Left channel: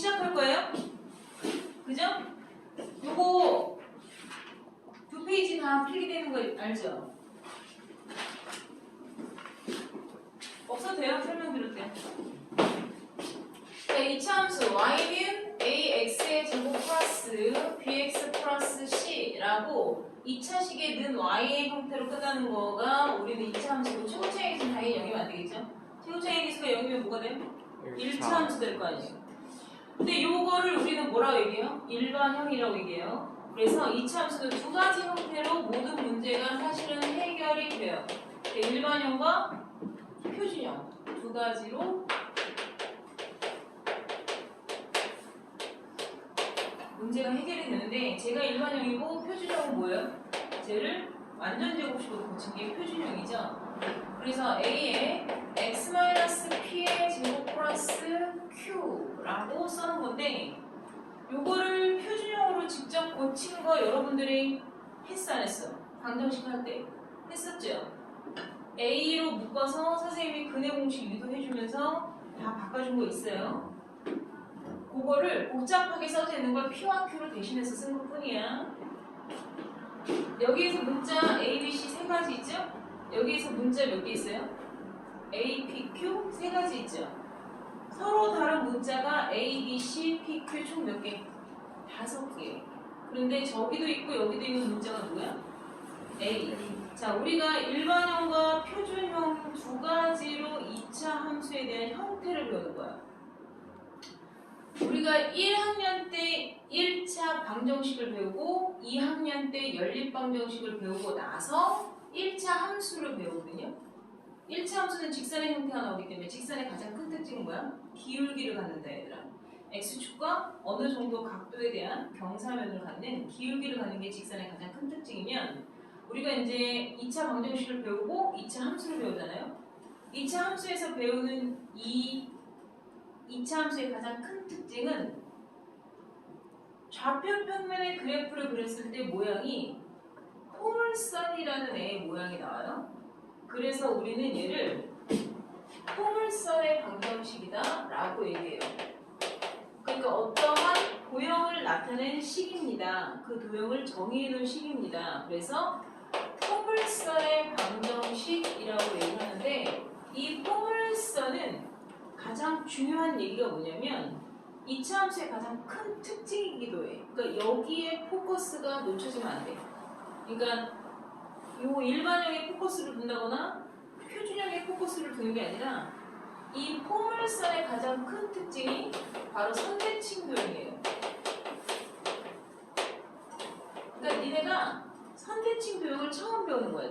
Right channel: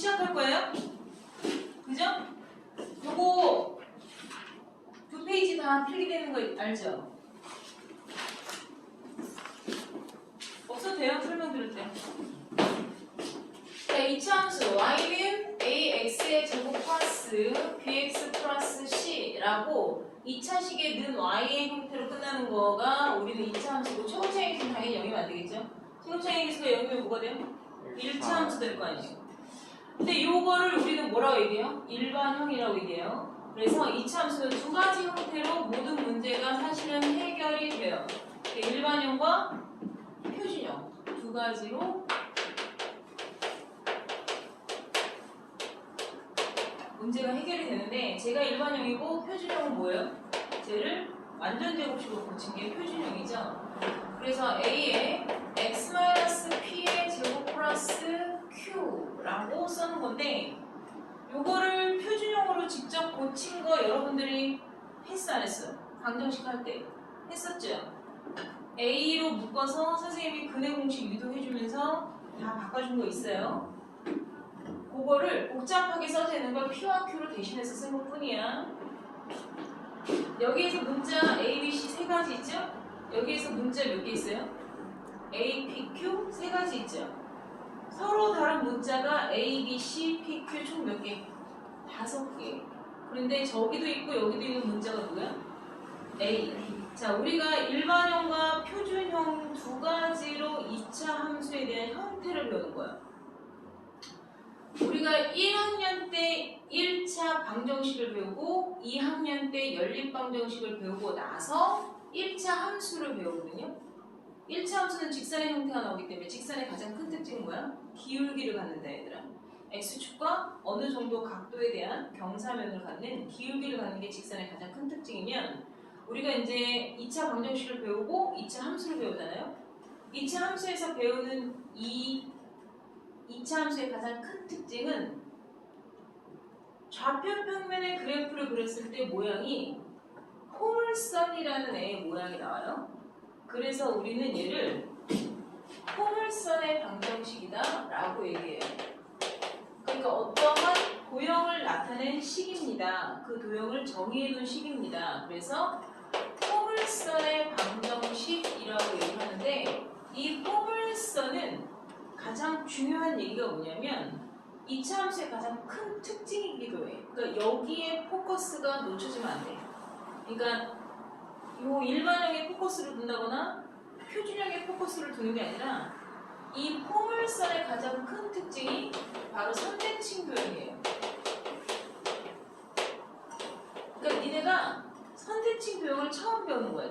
시작할 거예요. 그죠? 요거 두 페이지 다 필기되는 거 알죠? 없어도 돼요. 설명 들을 때. 자, 이차함수 y는 ax의 제곱 플러스 bx 플러스 c라고 2차식의 는 y의 형태로 끝나는 거가 우리는 2차 함수고 최고차의 기수는 당연히 0이면 안 되겠죠? 최고차의 기수가 0이면 뭐가 돼요? 1차 함수 될 거 아니에요. 근데 요거를 우리는 뭐라고 얘기해요? 일반형이라고 얘기해요. 그래서 2차 함수는 두 가지 형태로 모든 문제가 사실은 해결이 돼요. 일반형과 표준형 두 가지로 문제가 해결이 되는데 제가 일반형이고 표준형은 뭐예요? 쟤를 완전 제곱식으로 고친 게 표준형이죠. 그래서 A에 x-p의 제곱 플러스 q라고 써는 건데 요거를 표준형으로 직접 고친 거 여러분들이 했어 안 했어? 방정식 할 때 했었죠? A로 묶어서 선생님이 근해 공식 유도해주면서 다 바꿔준 거 있어요. 그거를 복잡하게 써져 있는 걸 P와 Q로 대신해서 쓴 것 뿐이야. 여기에서 문자 A, B, C 세 가지 있죠? 여기에서 문자 몇 개 있어요? A, P, Q 세 가지 있죠? 서로 다른 문자가 A, B, C, P, Q 총 몇 개? 5개. 그런데 저기도 있고 여기도 있는 문자가 누구야? A. 자, 우리가 일반형과 표준형 두 가지로 2차 함수에 대한 형태를 배우는 거야. 우리가 1학년 때 1차 방정식을 배우고 2학년 때 연립방정식을 배우고 나서 1차 함수를 배우거든요. 1차 함수는 직선의 형태가 나오기 때문에 직선의 가장 큰 특징은 뭐야? 기울기를 갖는다 얘들아. x축과 어느 정도 각도에 대한 경사면을 갖는 기울기를 갖는 게 직선의 가장 큰 특징이면 우리가 이제 2차 방정식을 배우고 2차 함수를 배우잖아요. 2차 함수에서 배우는 이 2차 함수의 가장 큰 특징은 좌표 평면의 그래프를 그렸을 때 모양이 포물선이라는 애의 모양이 나와요. 그래서 우리는 얘를 포물선의 방정식이다 라고 얘기해요. 그러니까 어떠한 도형을 나타낸 식입니다. 그 도형을 정의해놓은 식입니다. 그래서 포물선의 방정식이라고 얘기하는데 이 포물선은 가장 중요한 얘기가 뭐냐면 2차 함수의 가장 큰 특징이기도 해. 그러니까 여기에 포커스가 놓쳐지면 안 돼. 그러니까 요 일반형에 포커스를 둔다거나 표준형에 포커스를 두는 게 아니라 이 포물선의 가장 큰 특징이 바로 선대칭 도형이에요. 그러니까 니네가 선대칭 도형을 처음 배우는 거야.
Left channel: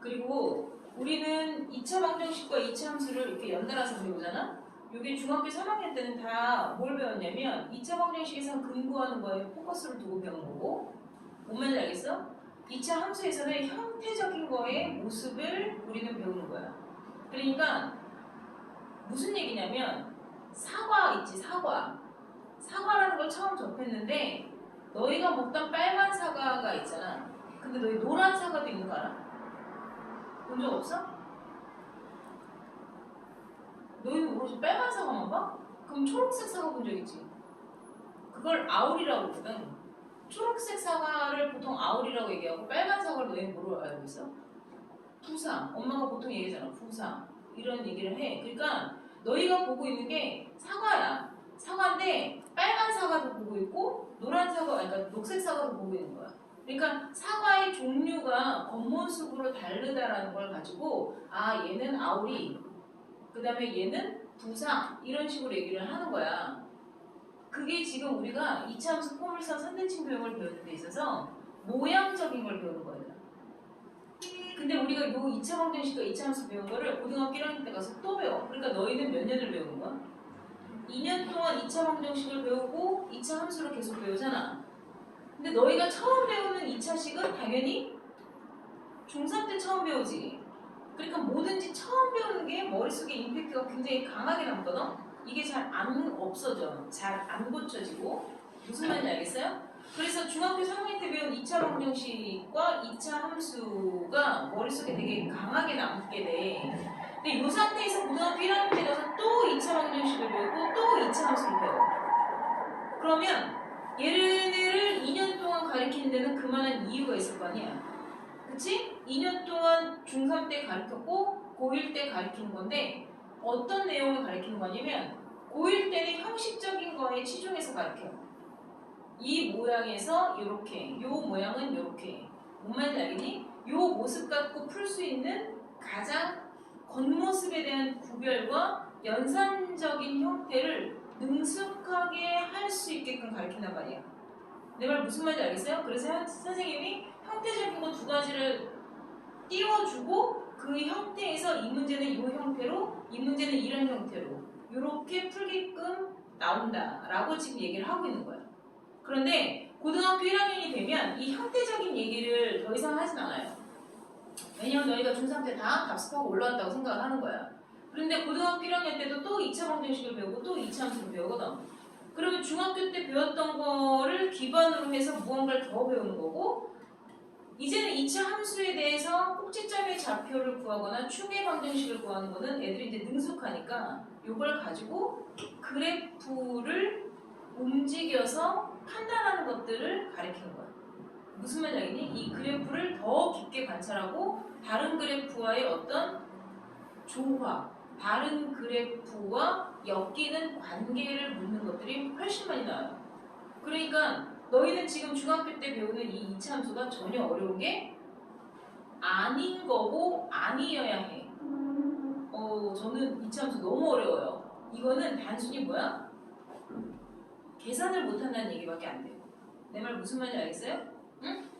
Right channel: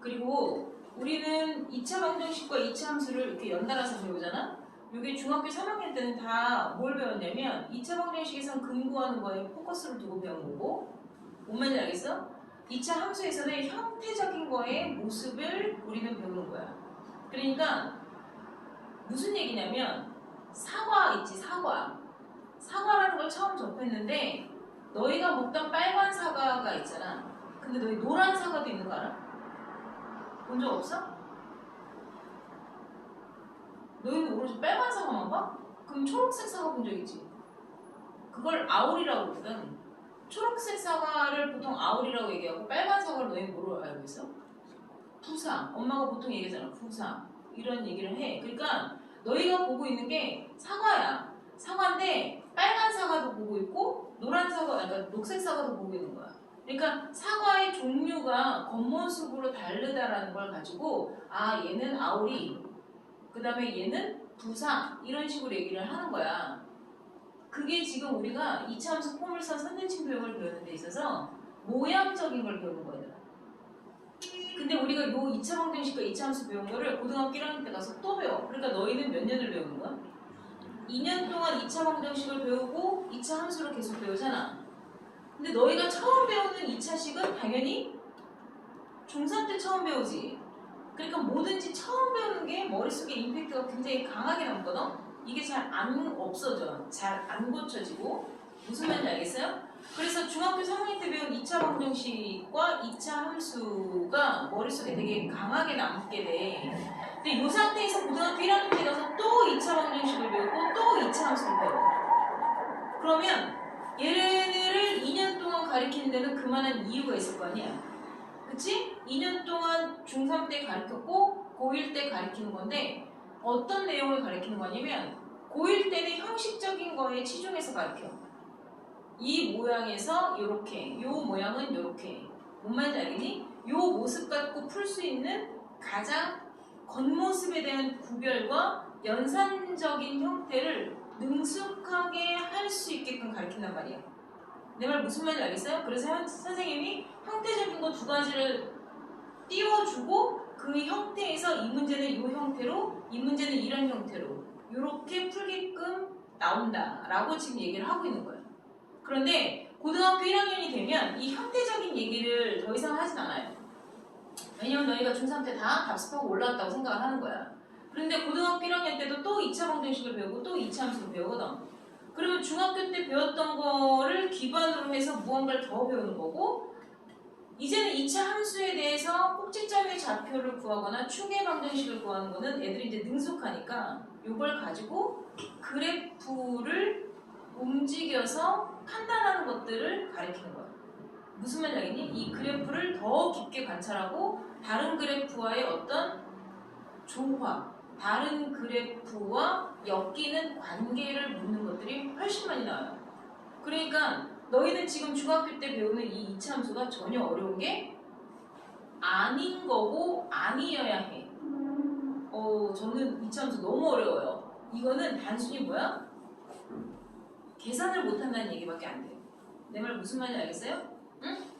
그리고 우리는 2차 방정식과 2차 함수를 이렇게 연달아서 배우잖아? 이게 중학교 3학년 때는 다 뭘 배웠냐면 2차 방정식에서는 근구하는 거에 포커스를 두고 배운 거고 뭔 말인지 알겠어? 2차 함수에서는 형태적인 거에 모습을 우리는 배우는 거야. 그러니까 무슨 얘기냐면 사과 있지 사과. 사과라는 걸 처음 접했는데 너희가 먹던 빨간 사과가 있잖아. 근데 너희 노란 사과도 있는 거 알아? 본 적 없어? 너희는 오로지 빨간 사과만 봐? 그럼 초록색 사과 본 적 있지? 그걸 아울이라고 그러거든. 초록색 사과를 보통 아울이라고 얘기하고 빨간 사과를 너희는 뭐로 알고 있어? 푸사. 엄마가 보통 얘기하잖아. 푸사. 이런 얘기를 해. 그러니까 너희가 보고 있는 게 사과야. 사과인데 빨간 사과도 보고 있고 노란 사과, 그러니까 녹색 사과도 보고 있는 거야. 그러니까 사과의 종류가 겉모습으로 다르다라는 걸 가지고 아 얘는 아우리, 그 다음에 얘는 부사 이런 식으로 얘기를 하는 거야. 그게 지금 우리가 2차 함수 포물선 선대칭 도형을 배우는 데 있어서 모양적인 걸 배우는 거야. 근데 우리가 요 2차 방정식과 2차 함수 배운 거를 고등학교 1학년 때 가서 또 배워. 그러니까 너희는 몇 년을 배우는 거야? 2년 동안 2차 방정식을 배우고 2차 함수를 계속 배우잖아. 근데 너희가 처음 배우는 2차식은 당연히 중3 때 처음 배우지. 그러니까 뭐든지 처음 배우는 게 머릿속에 임팩트가 굉장히 강하게 남거든. 이게 잘 안 없어져. 잘 안 고쳐지고. 무슨 말인지 알겠어요? 그래서 중학교 3학년 때 배운 2차 방정식과 2차 함수가 머릿속에 되게 강하게 남게 돼. 근데 이 상태에서 고등학교 1학년 때 가서 또 2차 방정식을 배우고 또 2차 함수를 배워. 그러면 얘네를 2년 동안 가리키는 데는 그만한 이유가 있을 거 아니야. 그치? 2년 동안 중3 때 가르쳤고 고1 때 가르치는 건데 어떤 내용을 가르치는 거냐면 고1 때는 형식적인 거에 치중해서 가르쳐. 이 모양에서 요렇게, 요 모양은 요렇게. 뭔 말인지 알겠니? 요 모습 갖고 풀 수 있는 가장 겉모습에 대한 구별과 연산적인 형태를 능숙하게 할 수 있게끔 가르친단 말이야. 내 말 무슨 말인지 알겠어요? 그래서 선생님이 형태적인 거 두 가지를 띄워주고 그 형태에서 이 문제는 이 형태로, 이 문제는 이런 형태로 이렇게 풀게끔 나온다라고 지금 얘기를 하고 있는 거예요. 그런데 고등학교 1학년이 되면 이 형태적인 얘기를 더 이상 하진 않아요. 왜냐면 너희가 중3 때 다 답습하고 올라왔다고 생각을 하는 거야. 그런데 고등학교 1학년 때도 또 2차 방정식을 배우고 또 2차 함수를 배우거든. 그러면 중학교 때 배웠던 거를 기반으로 해서 무언가를 더 배우는 거고, 이제는 2차 함수에 대해서 꼭지점의 좌표를 구하거나 축의 방정식을 구하는 거는 애들이 이제 능숙하니까 이걸 가지고 그래프를 움직여서 판단하는 것들을 가리키는 거야. 무슨 말인지 알겠니? 이 그래프를 더 깊게 관찰하고 다른 그래프와의 어떤 조화, 다른 그래프와 엮이는 관계를 묻는 것들이 훨씬 많이 나와요. 그러니까 너희는 지금 중학교 때 배우는 이 2차 함수가 전혀 어려운 게 아닌 거고 아니어야 해. 저는 2차 함수 너무 어려워요. 이거는 단순히 뭐야? 계산을 못한다는 얘기밖에 안 돼요. 내 말 무슨 말인지 알겠어요? 응?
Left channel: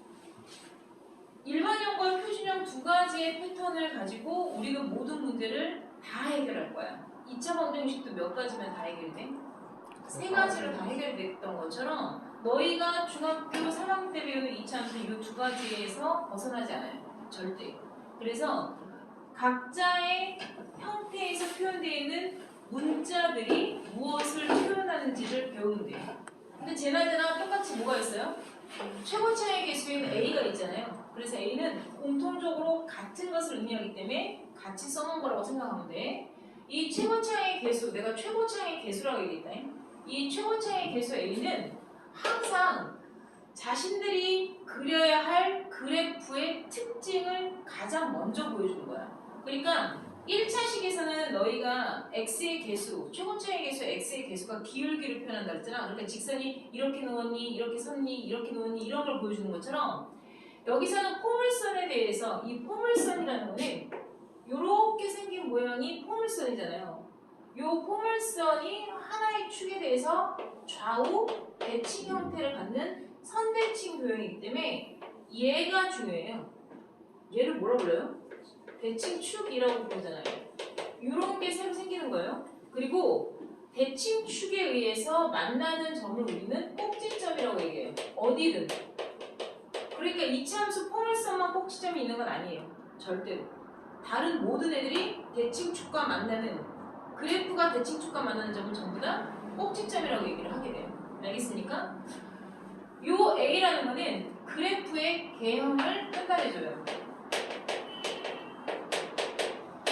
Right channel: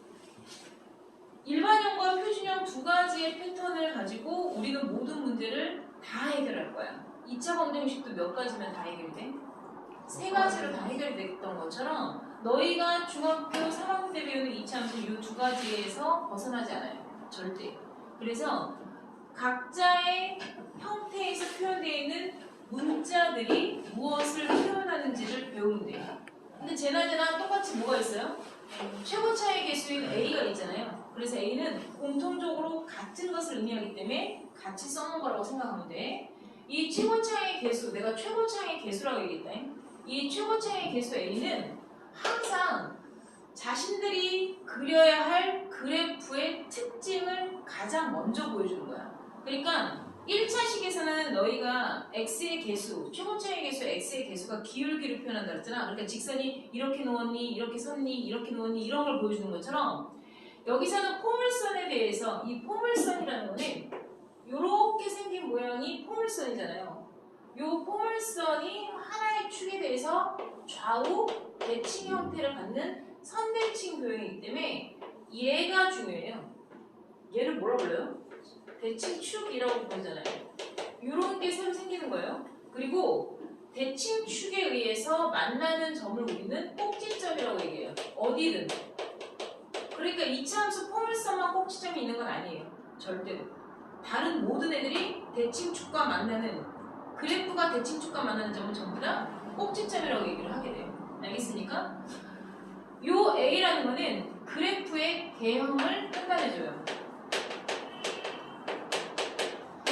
일반형과 표준형 두 가지의 패턴을 가지고 우리는 모든 문제를 다 해결할 거야. 2차 방정식도 몇 가지면 다 해결이 돼? 세 가지로 다 해결이 됐던 것처럼 너희가 중학교 3학년 때 배우는 2차 함수는 이 두 가지에서 벗어나지 않아요. 절대. 그래서 각자의 형태에서 표현되어 있는 문자들이 무엇을 표현하는지를 배우면 돼요. 근데 쟤나 똑같이 뭐가 있어요? 최고차의 개수인 A가 있잖아요. 그래서 A는 공통적으로 같은 것을 의미하기 때문에 같이 써놓은 거라고 생각하면 돼. 이 최고차의 개수, 내가 최고차의 개수라고 얘기했다. 이 최고차의 개수 A는 항상 자신들이 그려야 할 그래프의 특징을 가장 먼저 보여주는 거야. 그러니까 1차식에서는 너희가 x의 개수, 최고차의 개수 x의 개수가 기울기를 표현한다 그랬잖아. 그러니까 직선이 이렇게 놓았니, 이렇게 섰니, 이렇게 놓았니 이런 걸 보여주는 것처럼 여기서는 포물선에 대해서 이 포물선이라는 거는 이렇게 생긴 모양이 포물선이잖아요. 이 포물선이 하나의 축에 대해서 좌우 대칭 형태를 갖는 선대칭 도형이기 때문에 얘가 중요해요. 얘를 뭐라 불러요? 대칭축이라고 부르잖아요. 이런 게 새로 생기는 거예요. 그리고 대칭축에 의해서 만나는 점을 우리는 꼭지점이라고 얘기해요. 어디든. 그러니까 2차 함수 포물선만 꼭지점이 있는 건 아니에요. 절대로. 다른 모든 애들이 대칭축과 만나는, 그래프가 대칭축과 만나는 점은 전부 다 꼭지점이라고 얘기를 하게 돼요. 알겠습니까? 요 A라는 거는 그래프의 개형을 판단해줘요.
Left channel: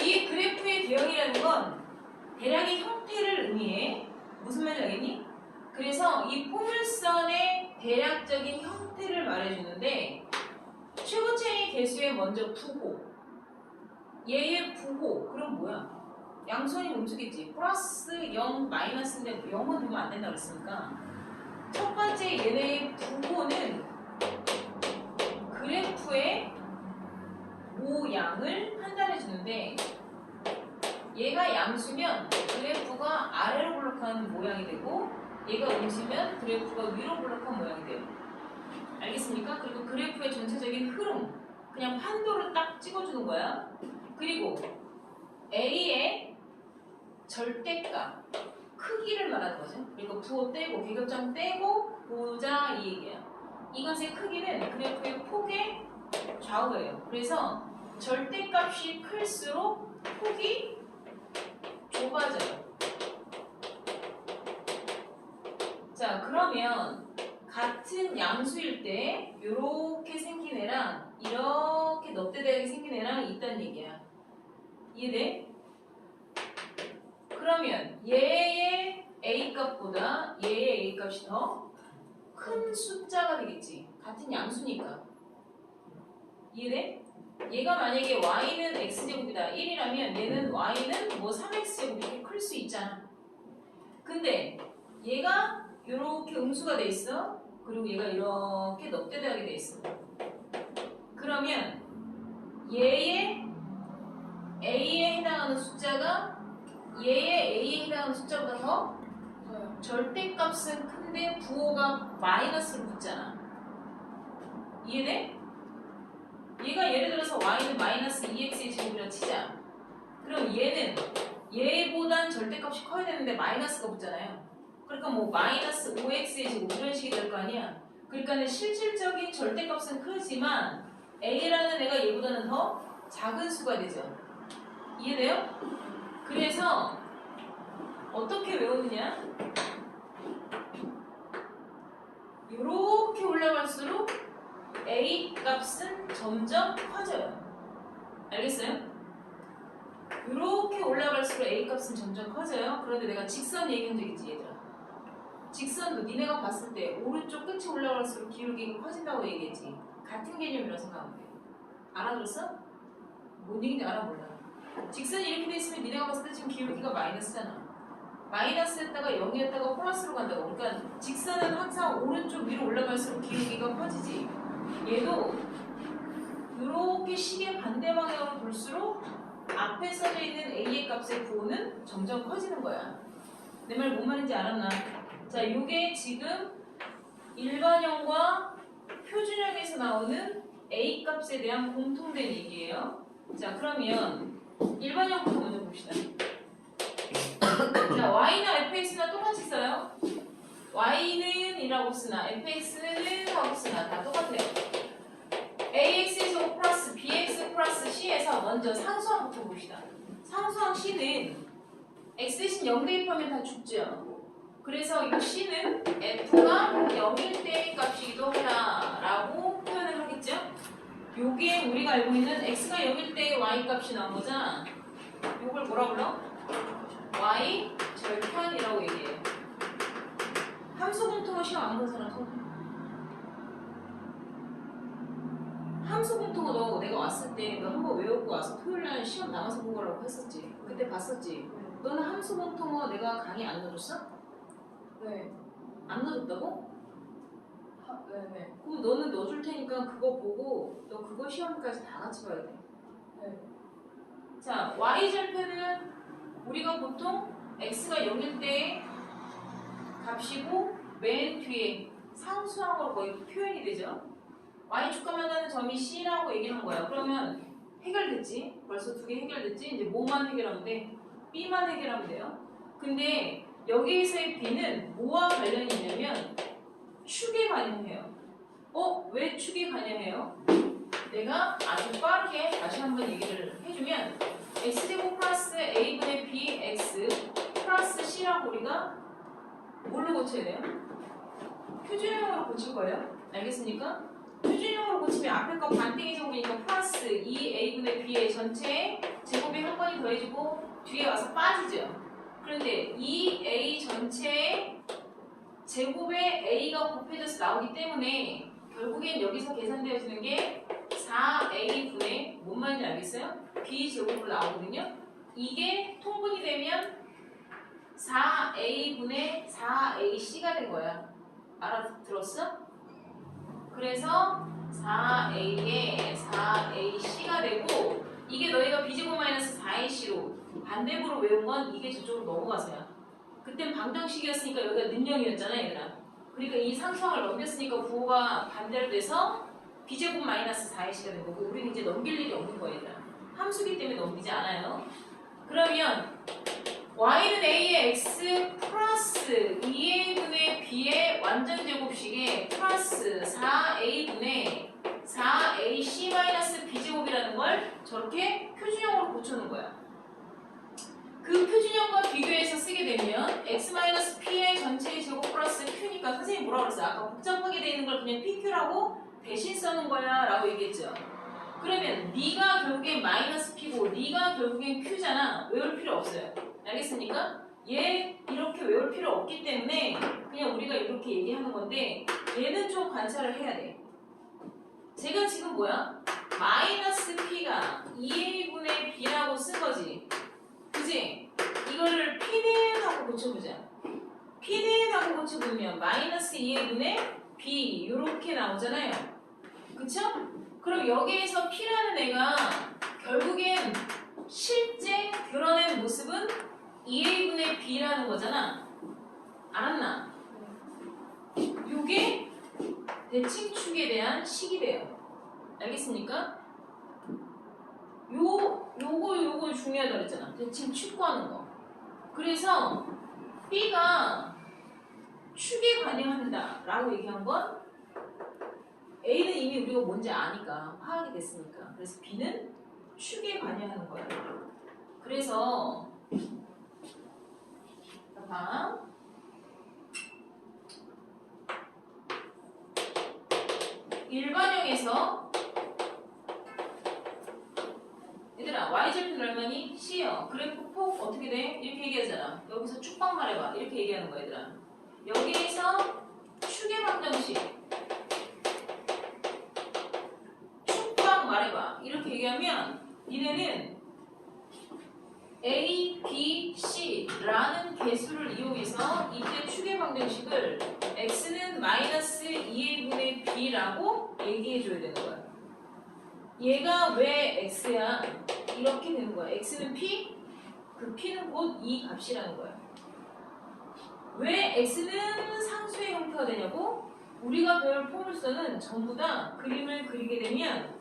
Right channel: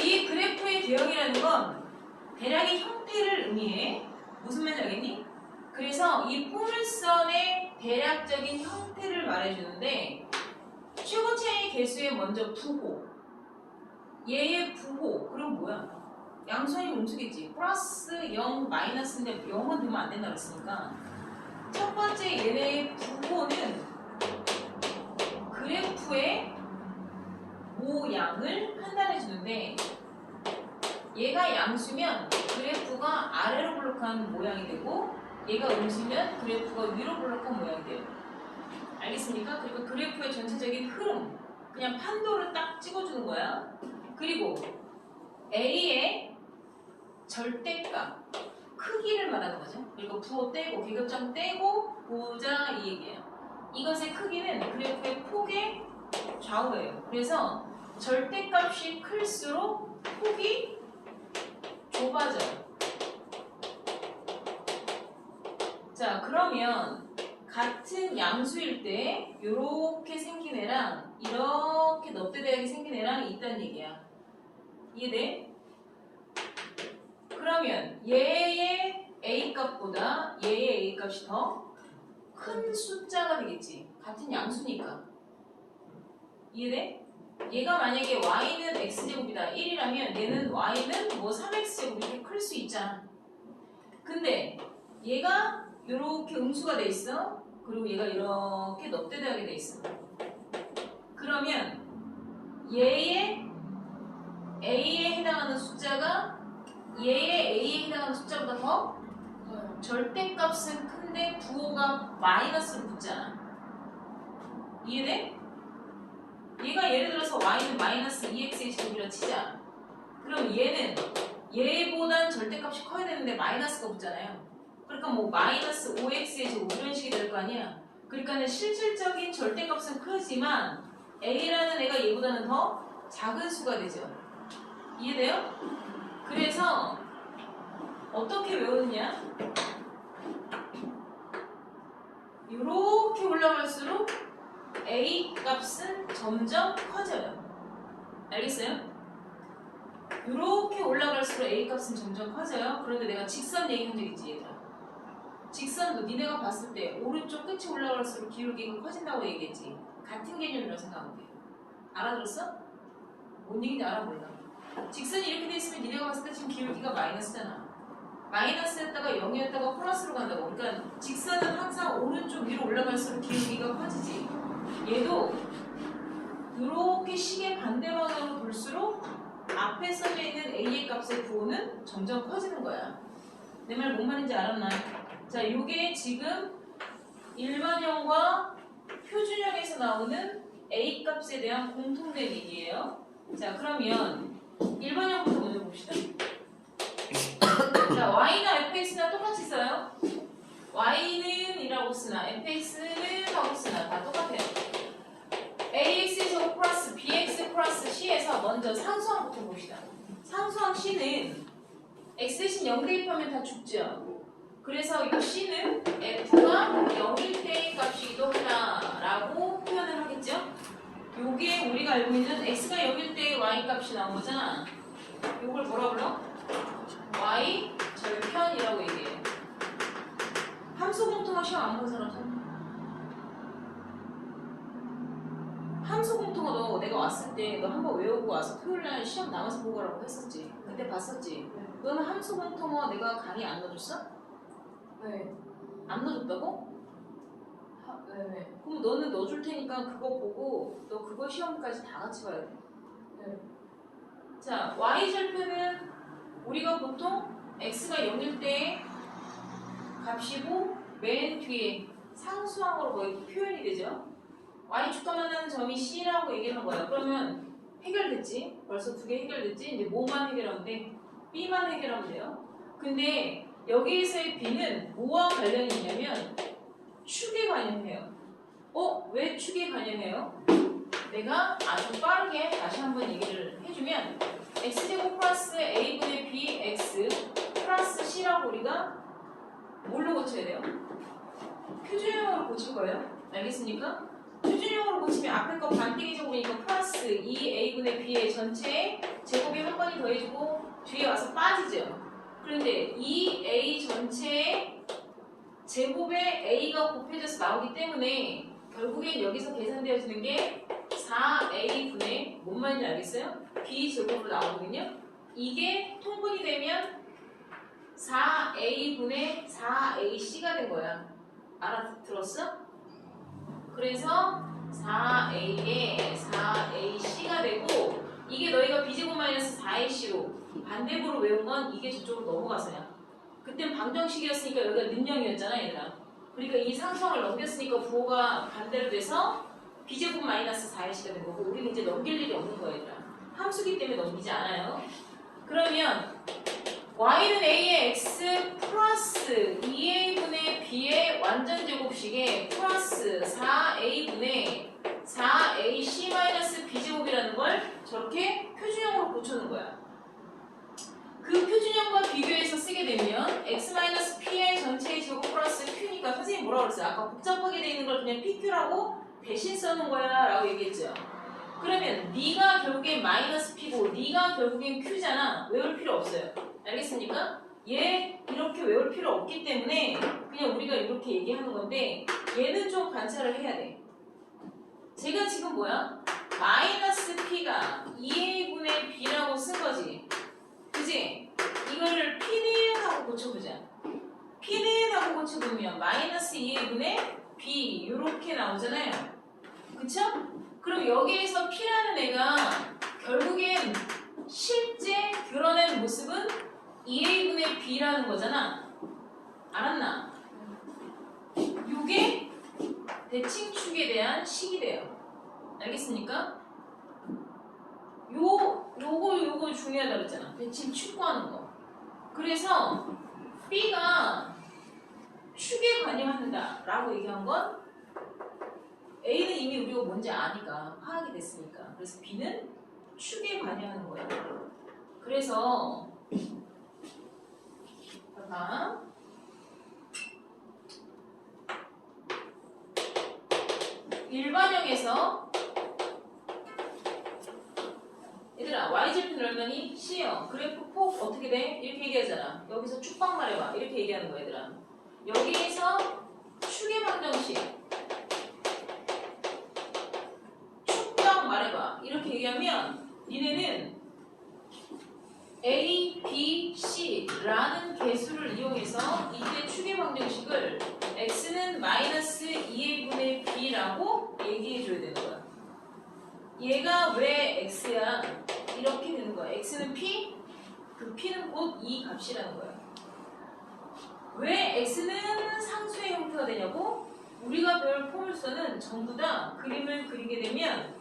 이 그래프의 개형이라는 건 대략의 형태를 의미해. 무슨 말인지 알겠니? 그래서 이 포물선의 대략적인 형태를 말해주는데 최고차의 개수에 먼저 부호, 얘의 부호, 그럼 뭐야? 양수원이 움직이지. 플러스 0, 마이너스인데 0은 되면 안 된다고 했으니까 첫 번째 얘네의 부호는 그래프의 모양을 판단해 주는데 얘가 양수면 그래프가 아래로 블록하는 모양이 되고 얘가 음수면 그래프가 위로 블록한 모양이 돼요. 알겠습니까? 그리고 그래프의 전체적인 흐름, 그냥 판도를 딱 찍어주는 거야. 그리고 A의 절대값, 크기를 말하는 거죠. 그러니까 부호 떼고 계급장 떼고 보자 이 얘기예요. 이것의 크기는 그래프의 폭의 좌우예요. 그래서 절대값이 클수록 폭이 좁아져요. 자, 그러면 같은 양수일 때 이렇게 생긴 애랑 이렇게 넙대대하게 생긴 애랑 있다는 얘기야. 이해돼? 그러면 얘의 a 값보다 얘의 a 값이 더 큰 숫자가 되겠지. 같은 양수니까. 이해돼? 얘가 만약에 y는 x제곱이다 1이라면 얘는 y는 뭐 3x제곱 이렇게 클 수 있잖아. 근데 얘가 이렇게 음수가 돼 있어. 그리고 얘가 이렇게 넙대대하게 돼 있어. 그러면 얘의 a에 해당하는 숫자가 얘의 a에 해당하는 숫자보다 더 절대값은 큰데 부호가 마이너스로 붙잖아. 이해돼? 얘가 예를 들어서 y는 마이너스 2x의 제곱이라고 치자. 그럼 얘는 얘보단 절대값이 커야 되는데 마이너스가 붙잖아요. 그러니까 뭐 마이너스 5x의 제곱 이런 식이 될 거 아니야. 그러니까는 실질적인 절대값은 크지만 a라는 애가 얘보다는 더 작은 수가 되죠. 이해돼요? 그래서 어떻게 외우느냐? 이렇게 올라갈수록 a 값은 점점 커져요. 알겠어요? 이렇게 올라갈수록 a 값은 점점 커져요. 그런데 내가 직선 얘기한 적 있지 얘들아. 직선도 니네가 봤을 때 오른쪽 끝이 올라갈수록 기울기가 커진다고 얘기했지. 같은 개념이라고 생각하면 돼. 알아들었어? 뭔 얘기인지 알아볼라. 직선이 이렇게 돼 있으면 니네가 봤을 때 지금 기울기가 마이너스잖아. 마이너스였다가 0이었다가 플러스로 간다고. 그러니까 직선은 항상 오른쪽 위로 올라갈수록 기울기가 커지지. 얘도 이렇게 시계 반대 방향으로 돌수록 앞에 써져 있는 a의 값의 부호는 점점 커지는 거야. 내 말 뭔 말인지 알았나? 자, 이게 지금 일반형과 표준형에서 나오는 a 값에 대한 공통된 얘기예요. 자, 그러면 일반형부터 먼저 봅시다. 자, y나 fx나 똑같이 써요. y는 이라고 쓰나 fx는 하고 쓰나 다 똑같아요. ax에서 플러스 bx 플러스 c에서 먼저 상수항부터 봅시다. 상수항 c는 x 대신 0 대입하면 다 죽죠. 그래서 이 c는 f가 0일 때의 값이기도 하다라고 표현을 하겠죠. 요게 우리가 알고 있는 x가 0일 때의 y 값이 나온 거잖아. 요걸 뭐라 불러? y 절편이라고 얘기해요. 함수 공통어 시험 안 본 사람 손. 함수 공통어 너 내가 왔을 때 너 한번 외우고 와서 토요일날 시험 남아서 보고 가라고 했었지. 그때 봤었지. 너는 함수 공통어 내가 강의 안 넣어줬어? 네. 안 넣어줬다고? 네. 그럼 너는 넣어줄 테니까 그거 보고 너 그거 시험까지 다 같이 봐야 돼. 네. 자, y 절편은 우리가 보통 x가 0일 때 값이고 맨 뒤에 상수항으로 거의 표현이 되죠. y축과 만나는 점이 c라고 얘기를 한 거야. 그러면 해결됐지? 벌써 두 개 해결됐지? 이제 뭐만 해결하면 돼? b만 해결하면 돼요. 근데 여기에서의 b는 뭐와 관련이 있냐면 축에 관련해요. 왜 축에 관련해요? 내가 아주 빠르게 다시 한번 얘기를 해주면 x제곱 플러스 a분의 bx 플러스 c라고 우리가 뭘로 고쳐야 돼요? 표준형으로 고칠 거예요. 알겠습니까? 표준형으로 고치면 앞에 거 반대기 제곱이니까 플러스 2a분의 b의 전체에 제곱이 한 번이 더해지고 뒤에 와서 빠지죠. 그런데 2a 전체에 제곱에 a가 곱해져서 나오기 때문에 결국엔 여기서 계산되어지는 게 4a분의 뭔 말인지 알겠어요? b제곱으로 나오거든요. 이게 통분이 되면 4a분의 4ac가 된 거야. 알아들었어? 그래서 4a에 4ac가 되고 이게 너희가 b제곱 마이너스 4ac로 반대부로 외운 건 이게 저쪽으로 넘어가서야. 그땐 방정식이었으니까 여기가 는영이었잖아 얘들아. 그러니까 이 상수항을 넘겼으니까 부호가 반대로 돼서 b제곱 마이너스 4ac가 된 거고 우리는 이제 넘길 일이 없는 거야 얘들아. 함수기 때문에 넘기지 않아요. 그러면 y는 a의 x 플러스 2a분의 b의 완전 제곱식에 플러스 4a분의 4ac 마이너스 b제곱이라는 걸 저렇게 표준형으로 고쳐놓은 거야. 그 표준형과 비교해서 쓰게 되면 x 마이너스 p의 전체의 제곱 플러스 q니까 선생님이 뭐라고 그랬어요? 아까 복잡하게 돼 있는 걸 그냥 pq라고 대신 써놓은 거야 라고 얘기했죠. 그러면 네가 결국엔 마이너스 p고 네가 결국엔 q잖아. 외울 필요 없어요. 알겠습니까? 얘 이렇게 외울 필요 없기 때문에 그냥 우리가 이렇게 얘기하는 건데 얘는 좀 관찰을 해야 돼. 제가 지금 뭐야? 마이너스 P가 2A분의 B라고 쓴 거지. 그지? 이거를 P는 하고 고쳐보자. P는 하고 고쳐보면 마이너스 2A분의 B 이렇게 나오잖아요. 그쵸? 그럼 여기에서 P라는 애가 결국엔 실제 드러낸 모습은 2A분의 B라는 거잖아. 알았나? 요게 대칭축에 대한 식이 돼요. 알겠습니까? 요거 중요하다 그랬잖아. 대칭축 구하는 거. 그래서 B가 축에 관여한다 라고 얘기한 건 A는 이미 우리가 뭔지 아니까 파악이 됐으니까. 그래서 B는 축에 관여하는 거야. 그래서 봐. 일반형에서 얘들아 y절편 얼마니? C요. 그래프 폭 어떻게 돼? 이렇게 얘기하잖아. 여기서 축방 말해봐. 이렇게 얘기하는 거야 얘들아. 여기에서 축의 방정식 축방 말해봐. 이렇게 얘기하면 니네는 A, B, C라는 개수를 이용해서 이때 축의 방정식을 x는 마이너스 2a분의 b라고 얘기해줘야 되는 거야. 얘가 왜 x야? 이렇게 되는 거야. x는 p, 그 p는 곧 이 값이라는 거야. 왜 x는 상수의 형태가 되냐고? 우리가 배울 포물선은 전부 다 그림을 그리게 되면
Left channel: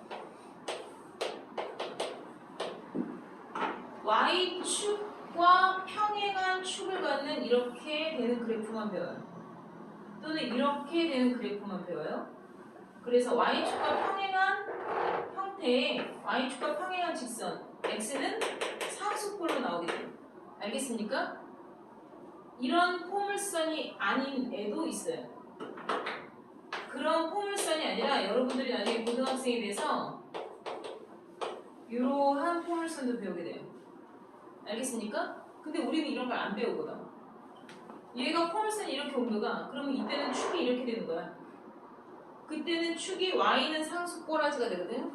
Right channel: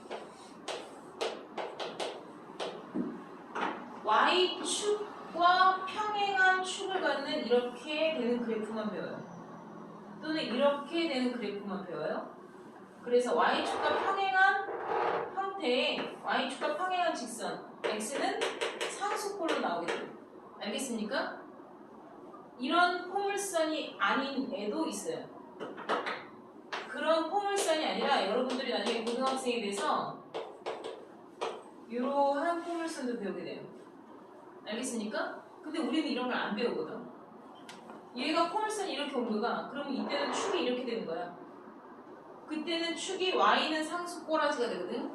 y축과 평행한 축을 갖는 이렇게 되는 그래프만 배워요. 또는 이렇게 되는 그래프만 배워요. 그래서 y축과 평행한 형태의 y축과 평행한 직선 x는 상수꼴로 나오게 돼요. 알겠습니까? 이런 포물선이 아닌 애도 있어요. 그런 포물선이 아니라 여러분들이 나중에 고등학생이 돼서 이러한 포물선도 배우게 돼요. 알겠습니까? 근데 우리는 이런 걸 안 배우거든. 얘가 포물선이 이렇게 온 거가 그러면 이때는 축이 이렇게 되는 거야. 그때는 축이 y는 상수 꼬라지가 되거든.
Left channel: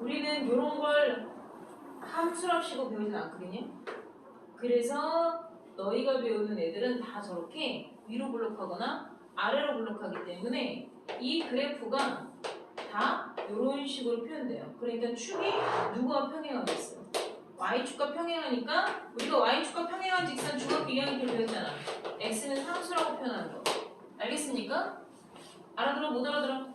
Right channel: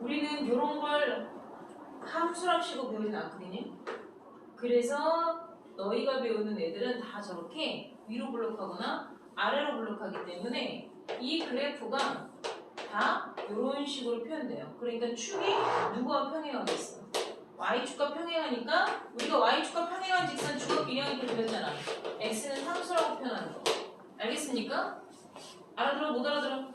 우리는 이런 걸 함수랍식으로 배우진 않거든요. 그래서 너희가 배우는 애들은 다 저렇게 위로 블록하거나 아래로 블록하기 때문에 이 그래프가 다 이런 식으로 표현돼요. 그러니까 축이 누구와 평행하겠어? y축과 평행하니까 우리가 y축과 평행한 직선 중학교 2학년 때 배웠잖아. x는 상수라고 표현하는 거. 알겠습니까? 알아들어? 못 알아들어?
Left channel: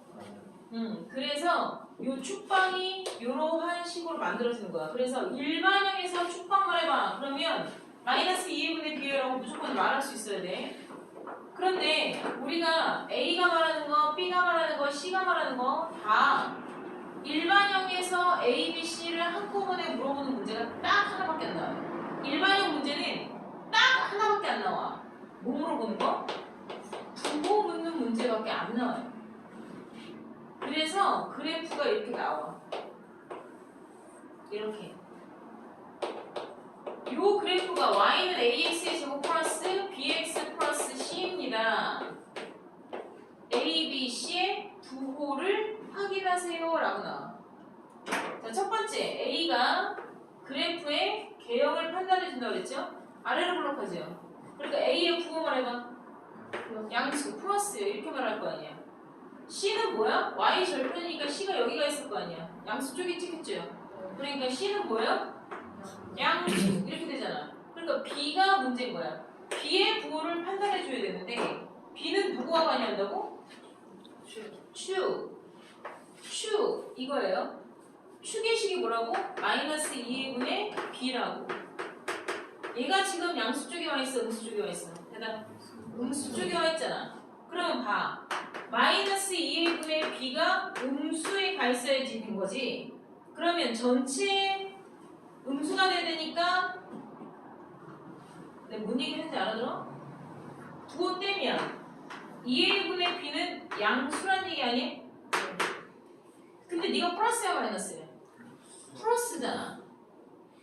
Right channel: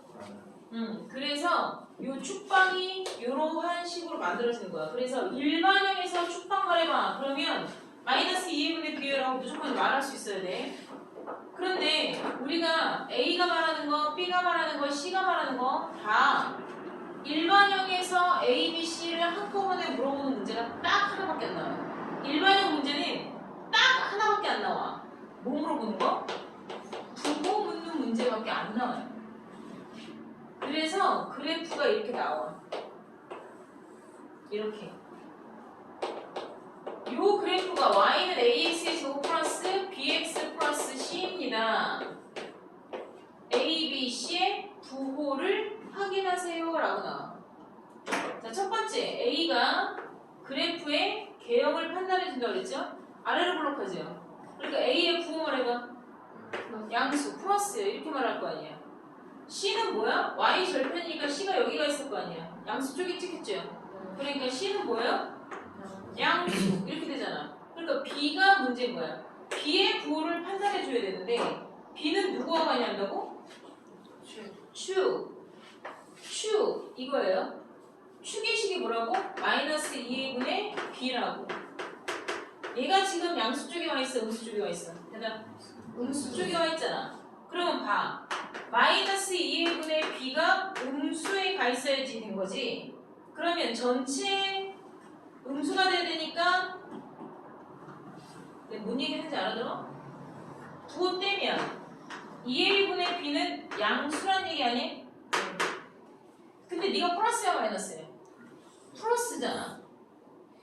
그래서 요 축방이 이러한 식으로 만들어지는 거야. 그래서 일반형에서 축방 말해봐. 그러면 마이너스 2분의 b라고 무조건 말할 수 있어야 돼. 그런데 우리가 A가 말하는 거, B가 말하는 거, C가 말하는 거 다 일반형에서 A, B, C를 한꺼번에 물어보는 문제가 딱 하나밖에 안 나와요. 일반형 문제는 딱 하나밖에 안 나와. 뭐 물어보는 거? 부호 묻는 문제밖에 안 나와요. 그래서 그래프가 이렇게 나와. 이렇게. 요 그래프가 y는 ax의 제곱 플러스 bx 플러스 c입니다. a, b, c의 부호를 확인하세요 라고 나와. 자, 첫 번째 a가 그래프의 개형을 판단해 준다고 그랬죠? 아래로 블록하죠. 그러니까 a의 부호 말해봐. 양수 플러스 이렇게 말할 거 아니야. c는 뭐야? y 절편이니까 c가 여기가 있을 거 아니야. 양수 쪽에 찍혔죠. 그러니까 c는 뭐예요? 양수 이렇게 되잖아. 그러니까 b가 문제인 거야. b의 부호를 판단해 줘야 되는데 b는 누구와 관여한다고? 축 이거예요. 축의 식이 뭐라고? 마이너스 2분의 b라고. 얘가 지금 양수 쪽에 와 있어, 음수 쪽에 와 있어? 대답. 음수 쪽에 와 있잖아. 그러면 봐. 마이너스 2분의 b가 음수에 가 있어야지 된 거지. 그러면 전체 음수가 돼야 되니까 내가 뭔 얘기 하는지 알아들어? 부호 떼면 2a분의 b는 양수란 얘기 아니야? 근데 네가 플러스야 마이너스야? 플러스잖아.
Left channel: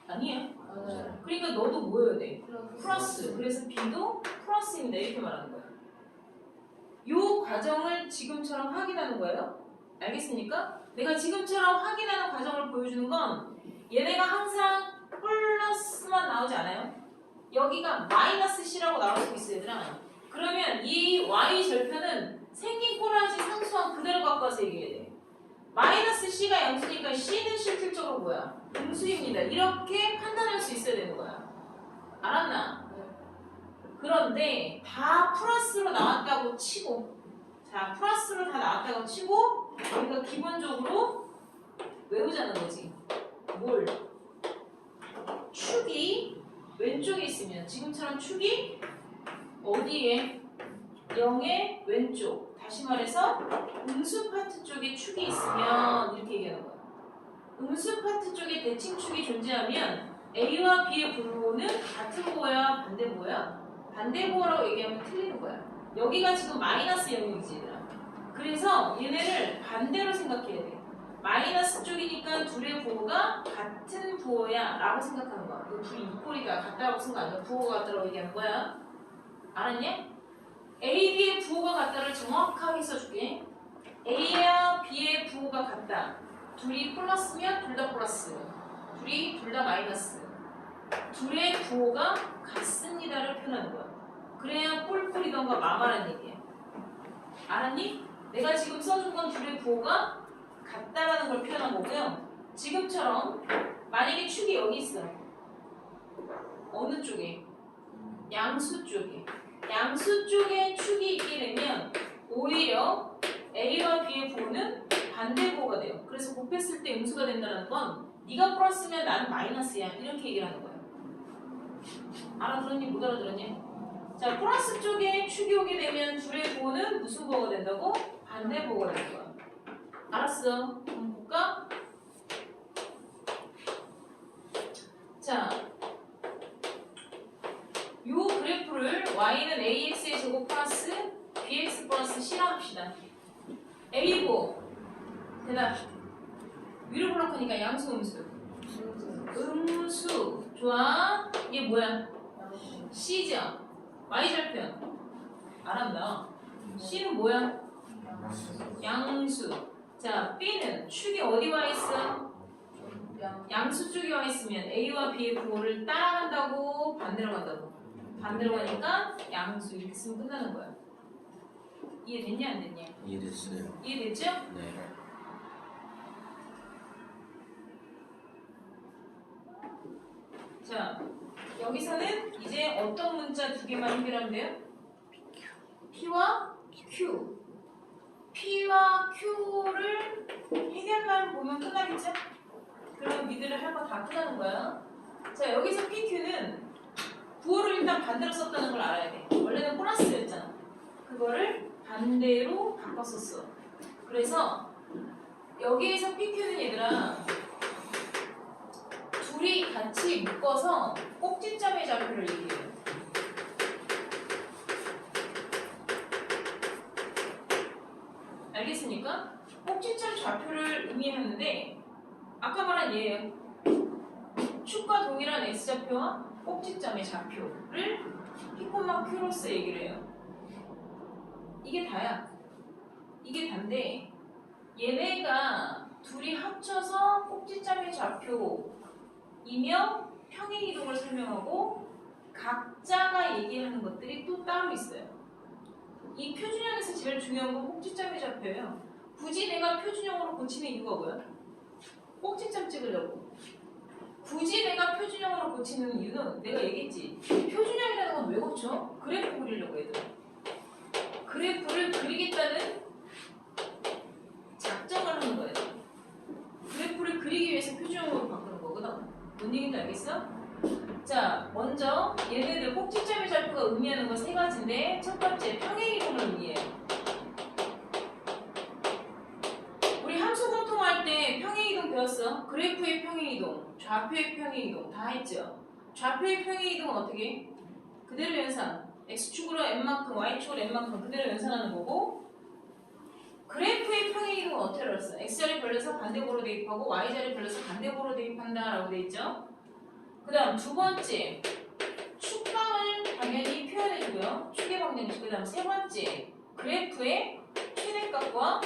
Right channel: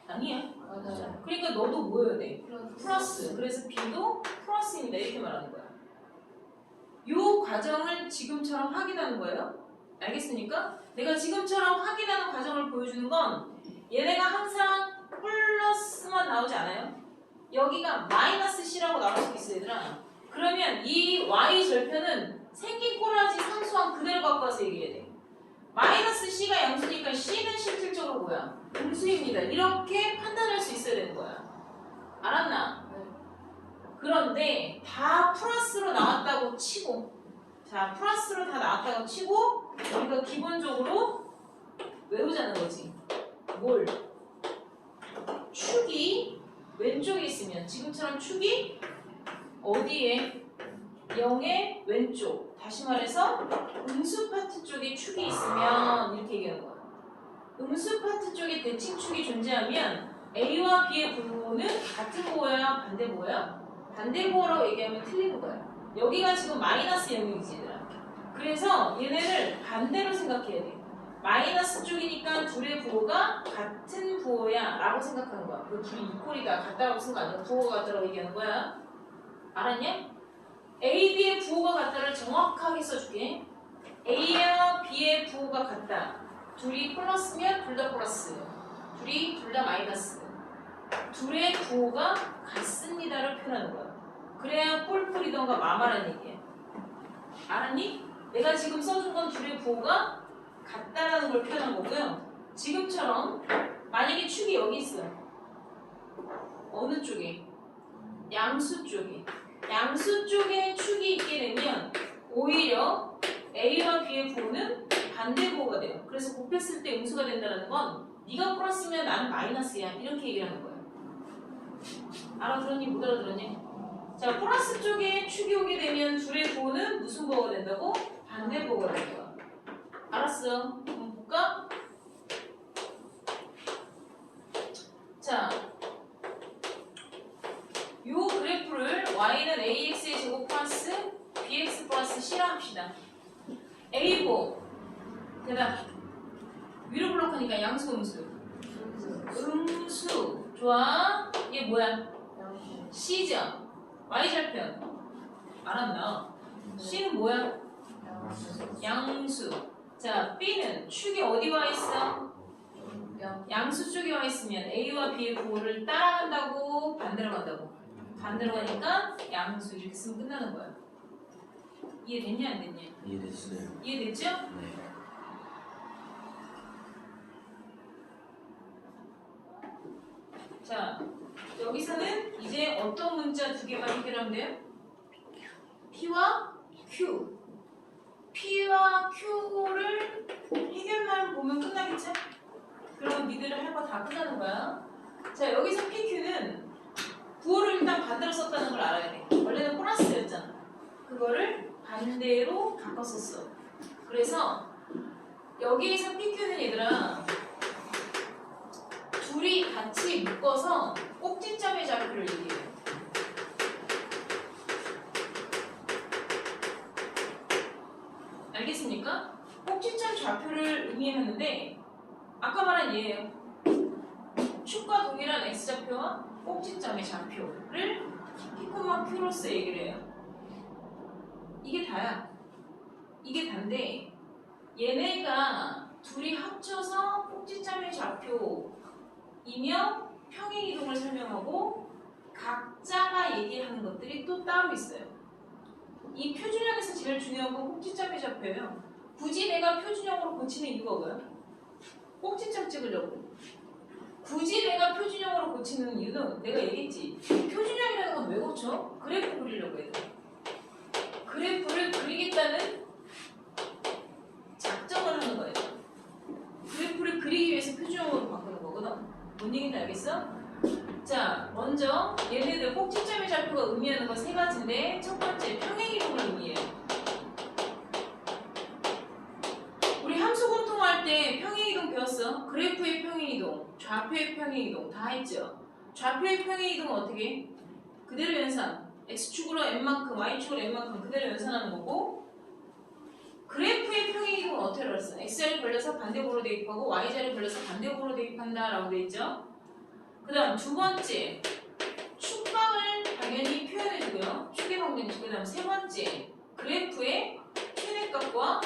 아니야. 맞아요. 그러니까 너도 뭐여야 돼? 플러스. 플러스. 그래서 B도 플러스입니다. 이렇게 말하는 거야. 요 과정을 지금처럼 확인하는 거예요. 알겠습니까? 내가 지금처럼 확인하는 과정을 보여주는 건 얘네가 항상 플러스만 나오지 않아요? 여기가 마이너스 C라고 나올 수 있어요, 얘들아. 그러면 이 Y 절편은 생긴 꼬라지 상수항 그대로 갖고 와서 얘기해야 돼. 마이너스 C가 양수니까 C는 실질적으로 뭐야? 음수입니다. 이렇게 판단할 수 있어야 되는 거야. 알았나? 네. 그런데 다 플러스로 나왔다고 치고, 자, 플러스로 다 나왔다고 치고 우리가 기본적으로 외우자는 거지. 뭘? 축이 왼쪽에 있으면 지금처럼 축이 어디에? 0의 왼쪽. 다시 말해서 음수 파트 쪽에 축이 있으면 이렇게 얘기하는 거야. 음수 파트 쪽에 대칭축이 존재하면 A와 B의 분모는 같은 부호야, 반대 부호야? 반대 부호라고 얘기하면 틀리는 거야. 여기가 지금 마이너스 0이지 얘들아. 그래서 얘네를 반대로 생각해야 돼. 마이너스 쪽이니까 둘의 부호가 같은 부호야 라고 생각하는 거야. 그 둘이 이퀄이가 같다라고 쓴 거 아니야. 부호가 같다라고 얘기하는 거야. 알았냐? A, B의 부호가 같다를 정확하게 써줄게. A와 B의 부호가 같다. 둘이 플러스면 둘 다 플러스, 둘이 둘 다 마이너스. 둘의 부호가 같습니다를 표현하는 거야. 그래야 꼴풀이던가 마마라는 얘기야. 알았니? 내가 지금 써준 건 둘의 부호가 같다라는 걸 표현한 거고요. 지금처럼 만약에 축이 여기 있어. 어느 쪽에? 양수 쪽에. 양수 쪽에 축이 있게 되면 오히려 A와 B의 부호는 반대 부호가 돼요. 그래서 곱했을 때 음수가 된다는 건 네가 플러스면 나는 마이너스야. 이렇게 얘기를 하는 거예요. 알아들었니? 못 알아들었니? 자, 플러스 쪽에 축이 오게 되면 둘의 부호는 무슨 부호가 된다고? 반대 부호가 되는 거야. 알았어. 한번 볼까? 자, 요 그래프를 y는 ax의 제곱 플러스 bx 플러스 c라 합시다. a고 대답. 위로 블록하니까 양수 음수. 음수. 좋아. 이게 뭐야? c죠. y절편. 알았나? c는 뭐야? 양수. 자, b는 축이 어디 와 있어? 양수 쪽에 와 있으면 a와 b의 부호를 따라간다고 반대로 간다고? 반대로 가니까 양수 이렇게 쓰면 끝나는 거야. 이해됐냐 안 됐냐? 이해됐어요. 이해됐죠? 네. 자, 여기서는 이제 어떤 문자 두 개만 해결하면 돼요? P와 Q. P와 Q를 해결만 보면 끝나겠죠? 그러면 니들은 할 거 다 끝나는 거야. 자, 여기서 PQ는 부호를 일단 반대로 썼다는 걸 알아야 돼. 원래는 플러스였잖아. 그거를 반대로 바꿨었어. 그래서 여기에서 PQ는 얘들아 둘이 같이 묶어서 꼭지점의 좌표를 얘기해요. 알겠습니까? 꼭지점 좌표를 의미하는데 아까 말한 얘예요. 축과 동일한 x좌표와 꼭지점의 좌표를 P,Q로서 얘기를 해요. 이게 다야. 이게 단데 얘네가 둘이 합쳐서 꼭지점의 좌표이며 평행이동을 설명하고 각자가 얘기하는 것들이 또 따로 있어요. 이 표준형에서 제일 중요한 건 꼭지점의 좌표예요. 굳이 내가 표준형으로 고치는 이유가 뭐야? 꼭지점 찍으려고. 굳이 내가 표준형으로 고치는 이유는 내가 얘기했지. 표준형이라는 건 왜 고쳐? 그래프 그리려고 해도. 그래프를 그리겠다는 작정을 하는 거예요. 그래프를 그리기 위해서 표준형으로 바꾸는 거거든. 뭔 얘기인지 알겠어? 자, 먼저 얘네들 꼭지점의 좌표가 의미하는 건 세 가지인데 첫 번째 평행이동을 의미해요. 우리 함수 공통할 때 평행이동 배웠어. 그래프의 평행이동, 좌표의 평행이동 다 했죠. 좌표의 평행이동은 어떻게 해? 그대로 연산. x축으로 n만큼, y축으로 n만큼 그대로 연산하는 거고 그래프의 평행이동은 어떻게 알았어? x자리 걸려서 반대보로 대입하고 y자리 걸려서 반대보로 대입한다 라고 돼 있죠. 그 그 다음 두 번째 축방을 당연히 표현해주고요. 축의 방정식. 그 다음 세 번째 그래프의 최대값과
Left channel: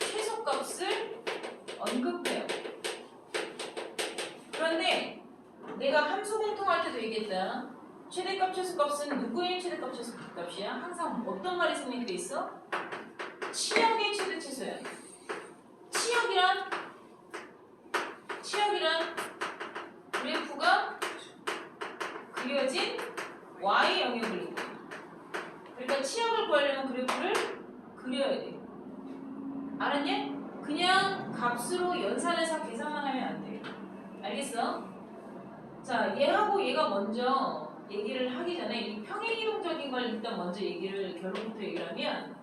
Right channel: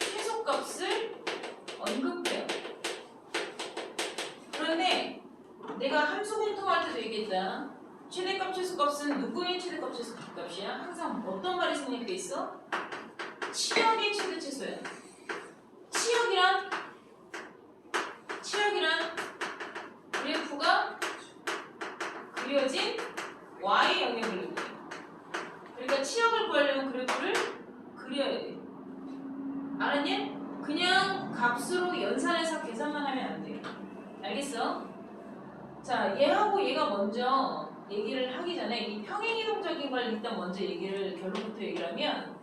최소값을 언급해요. 그런데 내가 함수 공통할 때도 얘기했다. 최대값 최소값은 누구의 최대값 최소값이야? 항상 어떤 말이 생략돼 있어? 치역의 최대 최소야. 치역이란 그래프가 그려진 y 영역을 얘기해. 그러니까 치역을 구하려면 그래프를 그려야 돼. 알았냐? 그냥 값으로 연산해서 계산만 하면 안 돼. 알겠어? 자, 얘하고 얘가 먼저 얘기를 하기 전에 이 평행이동적인 걸 일단 먼저 결론부터 얘기를 하면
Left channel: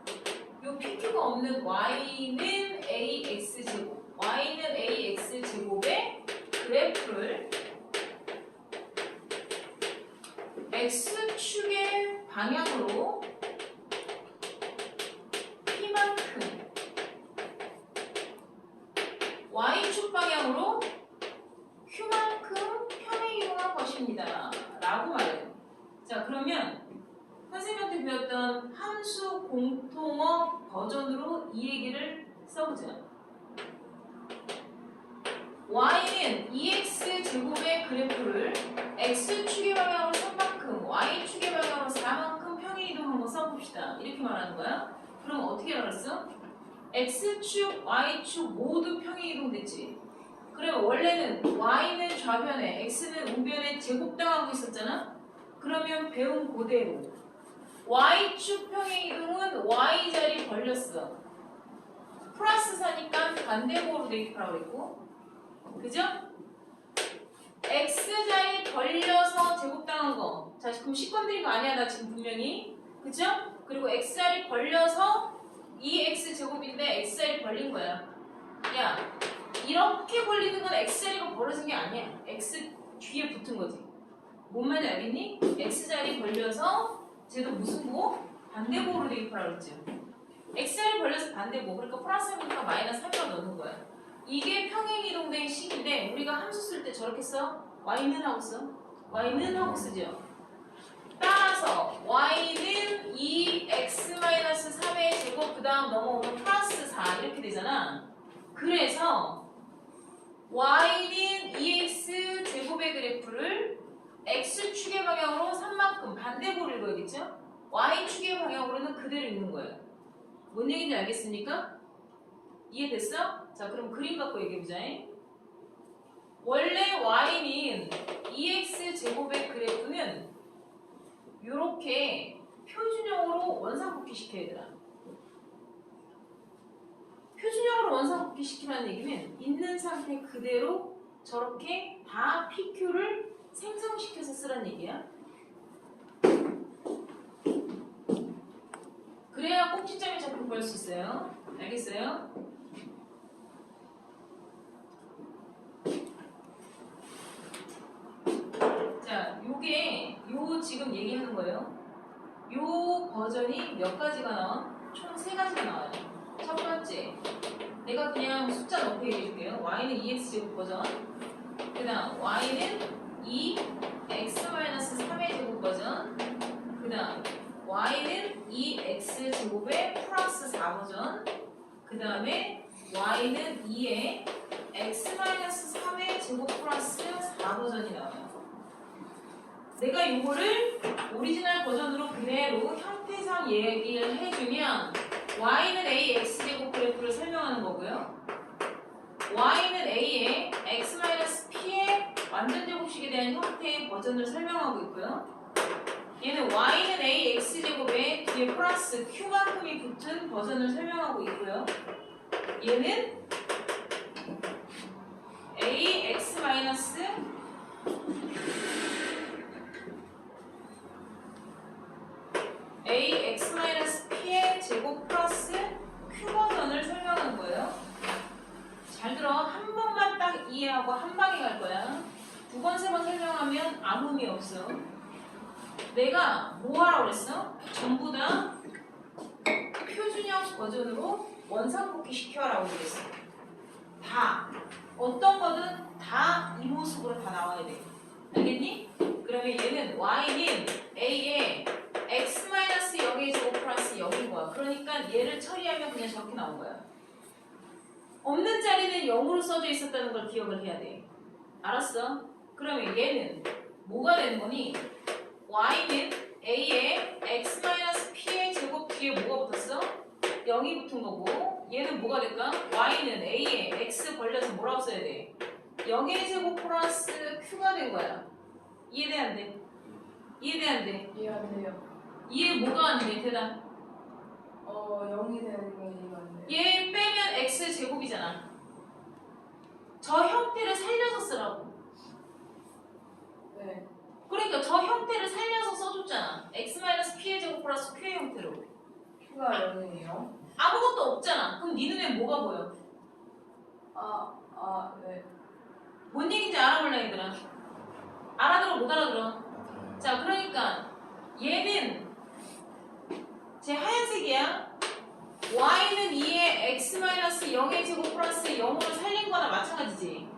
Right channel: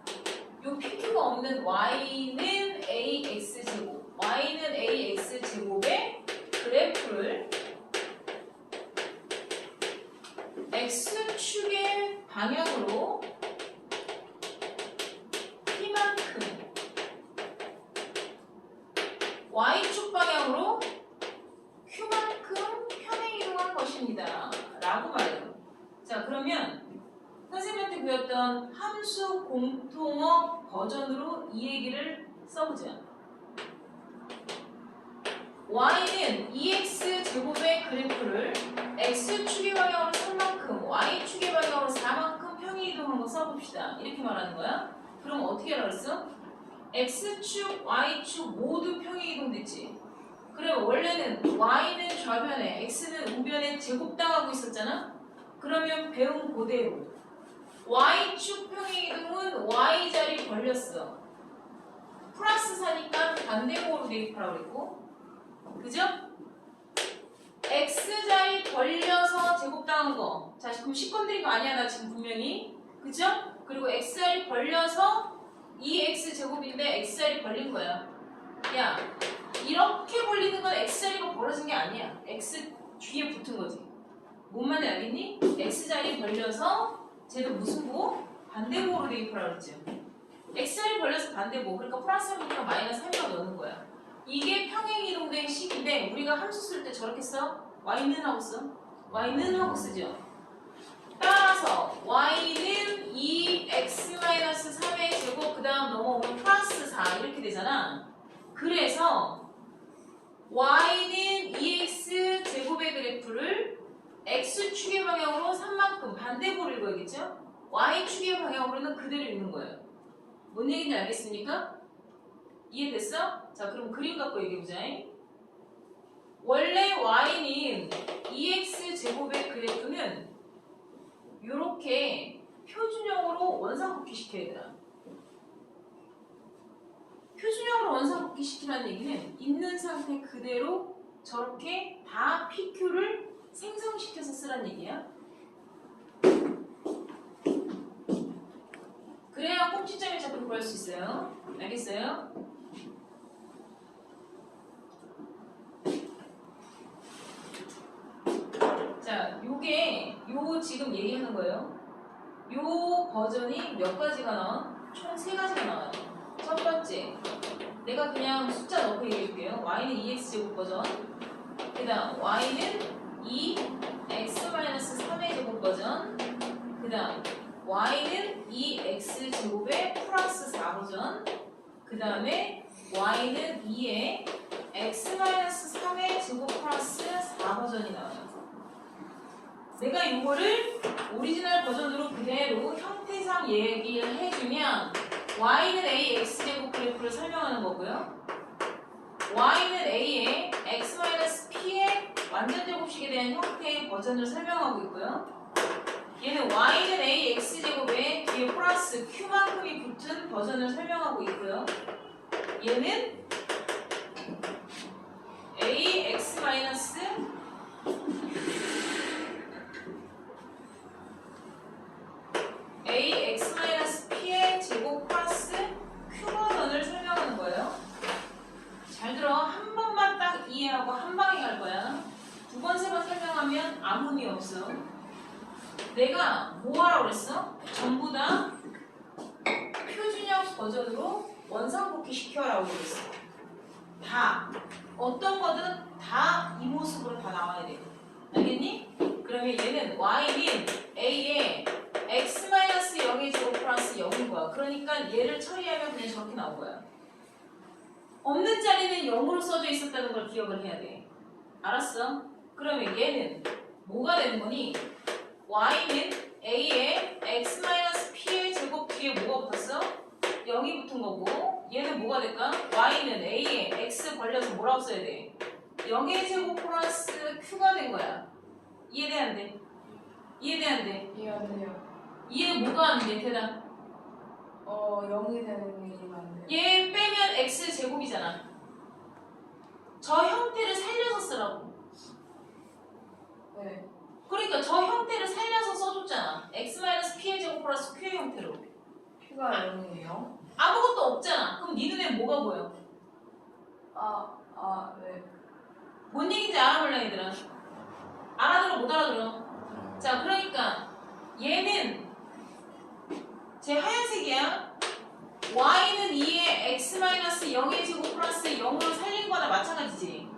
요 PQ가 없는 y는 ax제곱, y는 ax제곱의 그래프를 x축의 방향으로 p만큼 y축 방향으로 q만큼 평행이동한 것입니다. 라고 말해요. 자, 그러면 선생님한테 배웠던 함수 공통어 버전으로 이 얘기를 써보자. y는 2x제곱의 그래프를 x축의 방향으로 3만큼, y축의 방향으로 4만큼 평행이동한 거 써봅시다. 이렇게 말하는 거야. 그럼 어떻게 알았어? x축, y축 모두 평행이동 됐지. 그래, 원래는 y는 좌변에, x는 우변에 제곱당하고 있었잖아. 그러면 배운 그대로 y축 평행이동은 y자리 벌렸어. 플러스 4니까 반대목으로 대입하라고 그랬고, 그죠? x자리 벌려서 제곱당한 거. 자, 그럼 식건드린 거 아니야, 나 지금 분명히. 그죠? 그리고 x자리 벌려서 2x제곱인데 x자리 벌린 거야. 야, 이렇게 벌리는 건 x자리가 벌어진 게 아니야. x 뒤에 붙은 거지. 뭔 말인지 알겠니? x자리 벌려서 쟤도 무슨 보? 반대보로 대입하라고 그랬지. x자리 벌려서 반대보. 그러니까 플러스 해보니까 마이너스 3을 넣는 거야. 이게 평행이동된 식인데 우리가 함수 쓸 때 저렇게 써? y는 하고 써? y는 하고 쓰죠. 따라서 y는 2x-3의 제곱 그 다음 넘어오면 플러스 4 이렇게 되잖아. 그래서 y는 2x 제곱의 그래프를 x축의 방향으로 3만큼 반대보를 읽어야겠죠? y축의 방향으로는 그대로 읽는 거예요. 뭔 얘기인지 알겠습니까? 이해됐어? 자, 그럼 그림 갖고 얘기해보자. 원래 y는 2x 제곱의 그래프는 이렇게 표준형으로 원상복귀 시켜야 되나? 표준형으로 원상복귀 시키라는 얘기는 있는 상태 그대로 저렇게 다 PQ를 생성시켜서 쓰란 얘기야. 그래야 꼭지점이 자꾸 구할 수 있어요. 알겠어요? 자, 요 지금 얘기하는 거예요. 요 버전이 몇 가지가 나와? 총 3가지가 나와요. 첫 번째, 내가 그냥 숫자 넣고 얘기해 줄게요. y는 2x제곱 버전, 그 다음 y는 2x-3의 제곱 버전, 그 다음 y는 2x제곱의 플러스 4 버전, 그 다음에 y는 2의 x-3의 제곱 플러스 4 버전이 나와요. 내가 이거를 오리지널 버전으로 그대로 형태상 얘기를 해주면 y는 a x제곱 그래프를 설명하는 거고요. y는 a의 x-p의 완전 제곱식에 대한 형태의 버전을 설명하고 있고요. 얘는 y는 a x제곱에 뒤에 플러스 q만큼이 붙은 버전을 설명하고 있고요. 얘는 a x 마이너스 ax-p의 제곱 플러스 q 버전을 설명하는 거예요. 잘 들어. 한 번만 딱 이해하고 한 방에 갈 거야. 2번, 3번 설명하면 아무 의미 없어. 내가 뭐 하라고 그랬어? 전부 다 표준형 버전으로 원상복귀 시켜라고 그랬어. 다. 어떤 거든 다 이 모습으로 다 그냥 저렇게 나온 거야. 없는 자리는 0으로 써져 있었다는 걸 기억을 해야 돼. 알았어? 그러면 얘는 뭐가 되는 거니? y는 a의 x-p의 제곱 뒤에 뭐가 붙었어? 0이 붙은 거고 얘는 뭐가 될까? y는 a의 x 벌려서 뭐라고 써야 돼? 0의 제곱 플러스 q가 된 거야. 이해돼 안 돼? 이해돼 안 돼? 이해 안 돼요. 이해 뭐가 안 돼? 대답. 0이 되는 게 이해가 안 돼요. 얘 빼면 x 제곱이잖아. 저 형태를 살려서 쓰라고. 네. 그러니까 저 형태를 살려서 써줬잖아. x-p의 제곱 플러스 q의 형태로. Q가 0이에요? 아무것도 없잖아. 그럼 네 눈에 뭐가 보여? 네. 뭔 얘기인지 알아볼래 얘들아? 알아들어 못 알아들어? 자 그러니까 얘는 제 하얀색이야. y는 2의 x-0의 제곱 플러스 0으로 살린 거나 마찬가지지.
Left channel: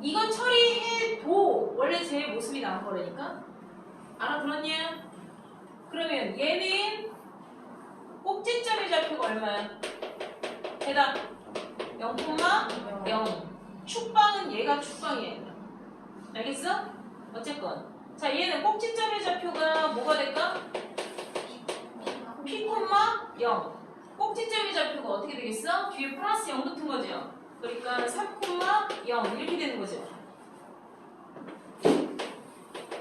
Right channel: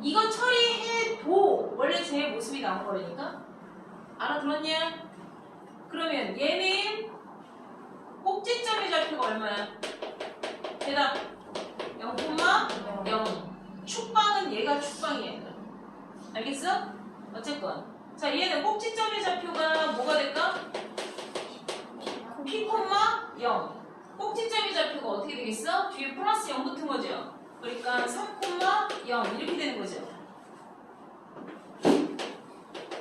이건 처리해도 원래 제 모습이 나온 거라니까? 알아들었냐? 그러면 얘는 꼭지점의 좌표가 얼마야? 대답 0,0. 축방은 얘가 축방이야 얘들아. 알겠어? 어쨌건 자 얘는 꼭지점의 좌표가 뭐가 될까? p, 0. 꼭지점의 좌표가 어떻게 되겠어? 뒤에 플러스 0 붙은 거죠. 그러니까 3,0 이렇게 되는 거죠.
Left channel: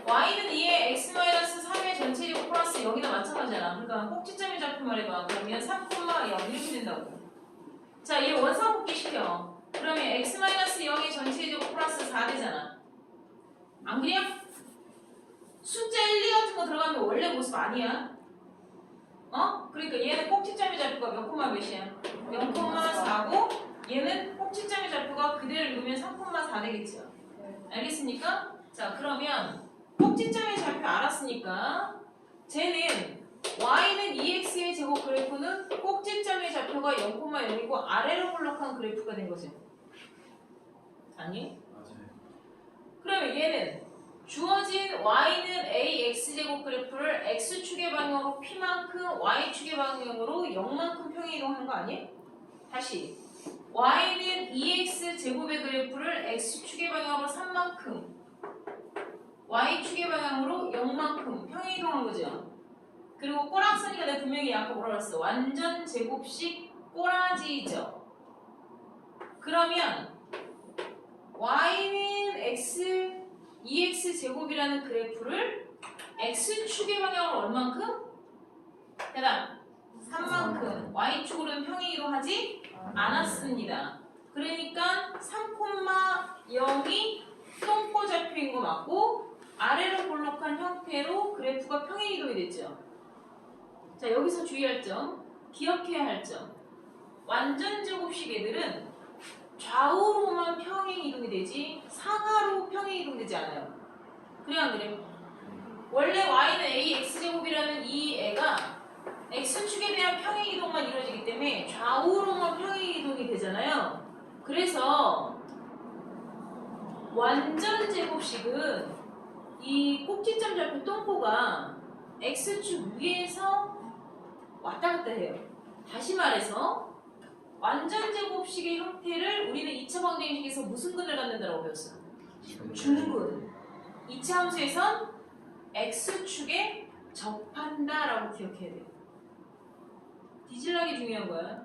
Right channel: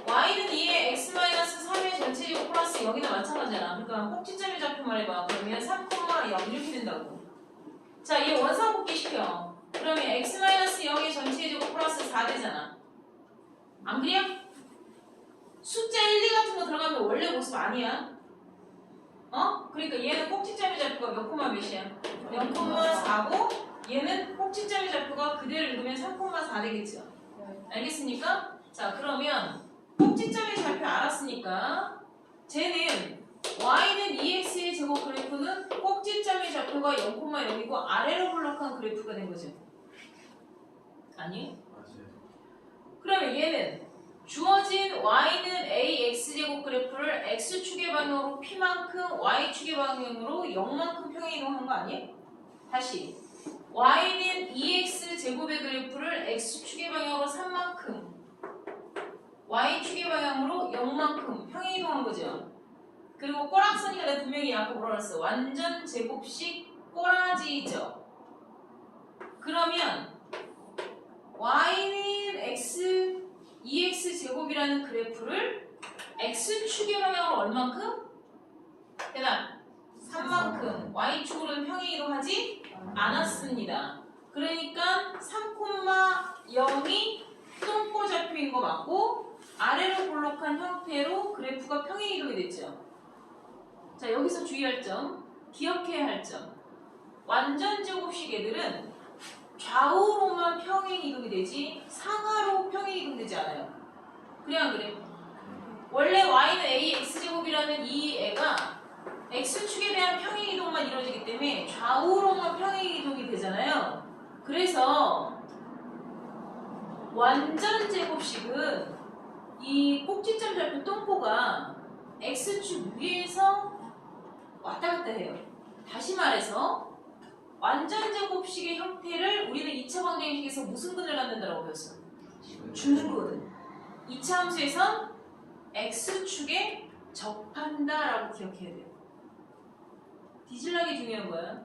y는 2의 x-3의 전체 제곱 플러스 0이나 마찬가지잖아. 그러니까 꼭지점의 좌표 말해봐. 그러면 3,0 이렇게 된다고. 자, 얘 원상복귀 시켜. 그러면 x-0의 전체 제곱 플러스 4 되잖아. 안 그래요? 숫자 1, 2 같은 거 들어가면 원래 모습 아니야. 그러니까 얘는 꼭지점의 좌표가 몇 콤마 몇이야? 0,4고 얘는 꼭지점의 좌표가 그대로 읽으면 3,4 되겠죠. 알겠습니까? 자 그러면 꼭지점의 좌표 알았으니까 쟤는 y는 2x의 제곱 그래프는 꼭지점의 좌표가 0,0이고 아래로 볼록한 그래프가 된 거죠. 아니? 맞아요. 그러면 얘는 주어진 y는 ax 제곱 그래프를 x축의 방향으로 p만큼 y축의 방향으로 0만큼 평행이동한 거 아니에요? 다시 y는 2x 제곱의 그래프를 x축의 방향으로 3만큼 y축의 방향으로 0만큼 평행이동한 거죠. 그리고 꼬락서니까 내가 분명히 아까 뭐라 그랬어? 완전 제곱식 꼬라지죠. 그러면 y는 x 2x 제곱이라는 그래프를 x축의 방향으로 얼만큼? 대답 3만큼 y축으로는 평행이동하지 않았습니다. 그러니까 3,0이 똥꼬 좌표인 거 맞고 아래로 볼록한 형태로 그래프가 평행이동이 됐죠. 자 여기서 주의할 점, 기억해야 할 점. 완전 제곱식 애들은 좌우로만 평행이동이 되지 상하로 평행이동되지 않아요. 그래 안 그래? 원래 y는 ax제곱이라는 이 애가 x축에 대한 평행이동만 이루어지기 때문에 좌우로만 평행이동이 되잖아요. 그래서 완전 제곱식은 이 꼭지점 좌표 똥꼬가 x축 위에서 왔다 갔다 해요. 다시 말해서 완전 제곱식의 형태를 우리는 2차 방정식에서 무슨 근을 갖는다고 배웠어? 중근. 2차 함수에선 x축에 접한다라고 기억해야 돼요. 뒤질나게 중요한 거야.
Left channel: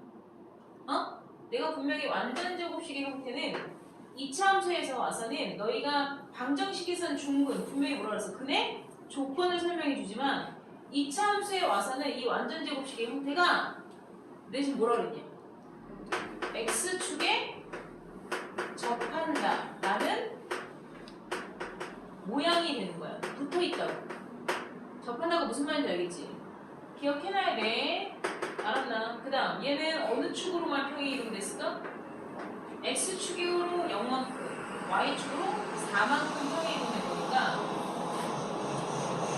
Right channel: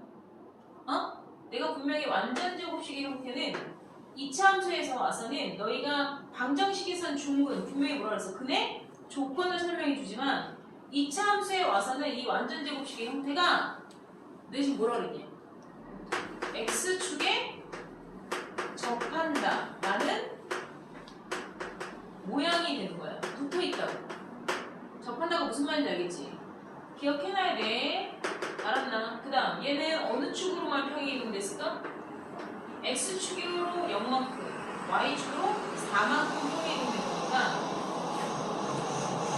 내가 분명히 완전 제곱식의 형태는 2차 함수에서 와서는 너희가 방정식에선 중근, 분명히 뭐라 그랬어? 근의 조건을 설명해 주지만 2차 함수에 와서는 이 완전 제곱식의 형태가 내 지금 뭐라 그랬냐? x축에 접한다 라는 모양이 되는 거야. 붙어있다고. 접한다고 무슨 말인지 알겠지? 기억해놔야 돼. 알았나? 그 다음 얘는 어느 축으로만 평행이동 됐을까? x축으로 0만큼 y축으로 4만큼 평행이동 된 거구나.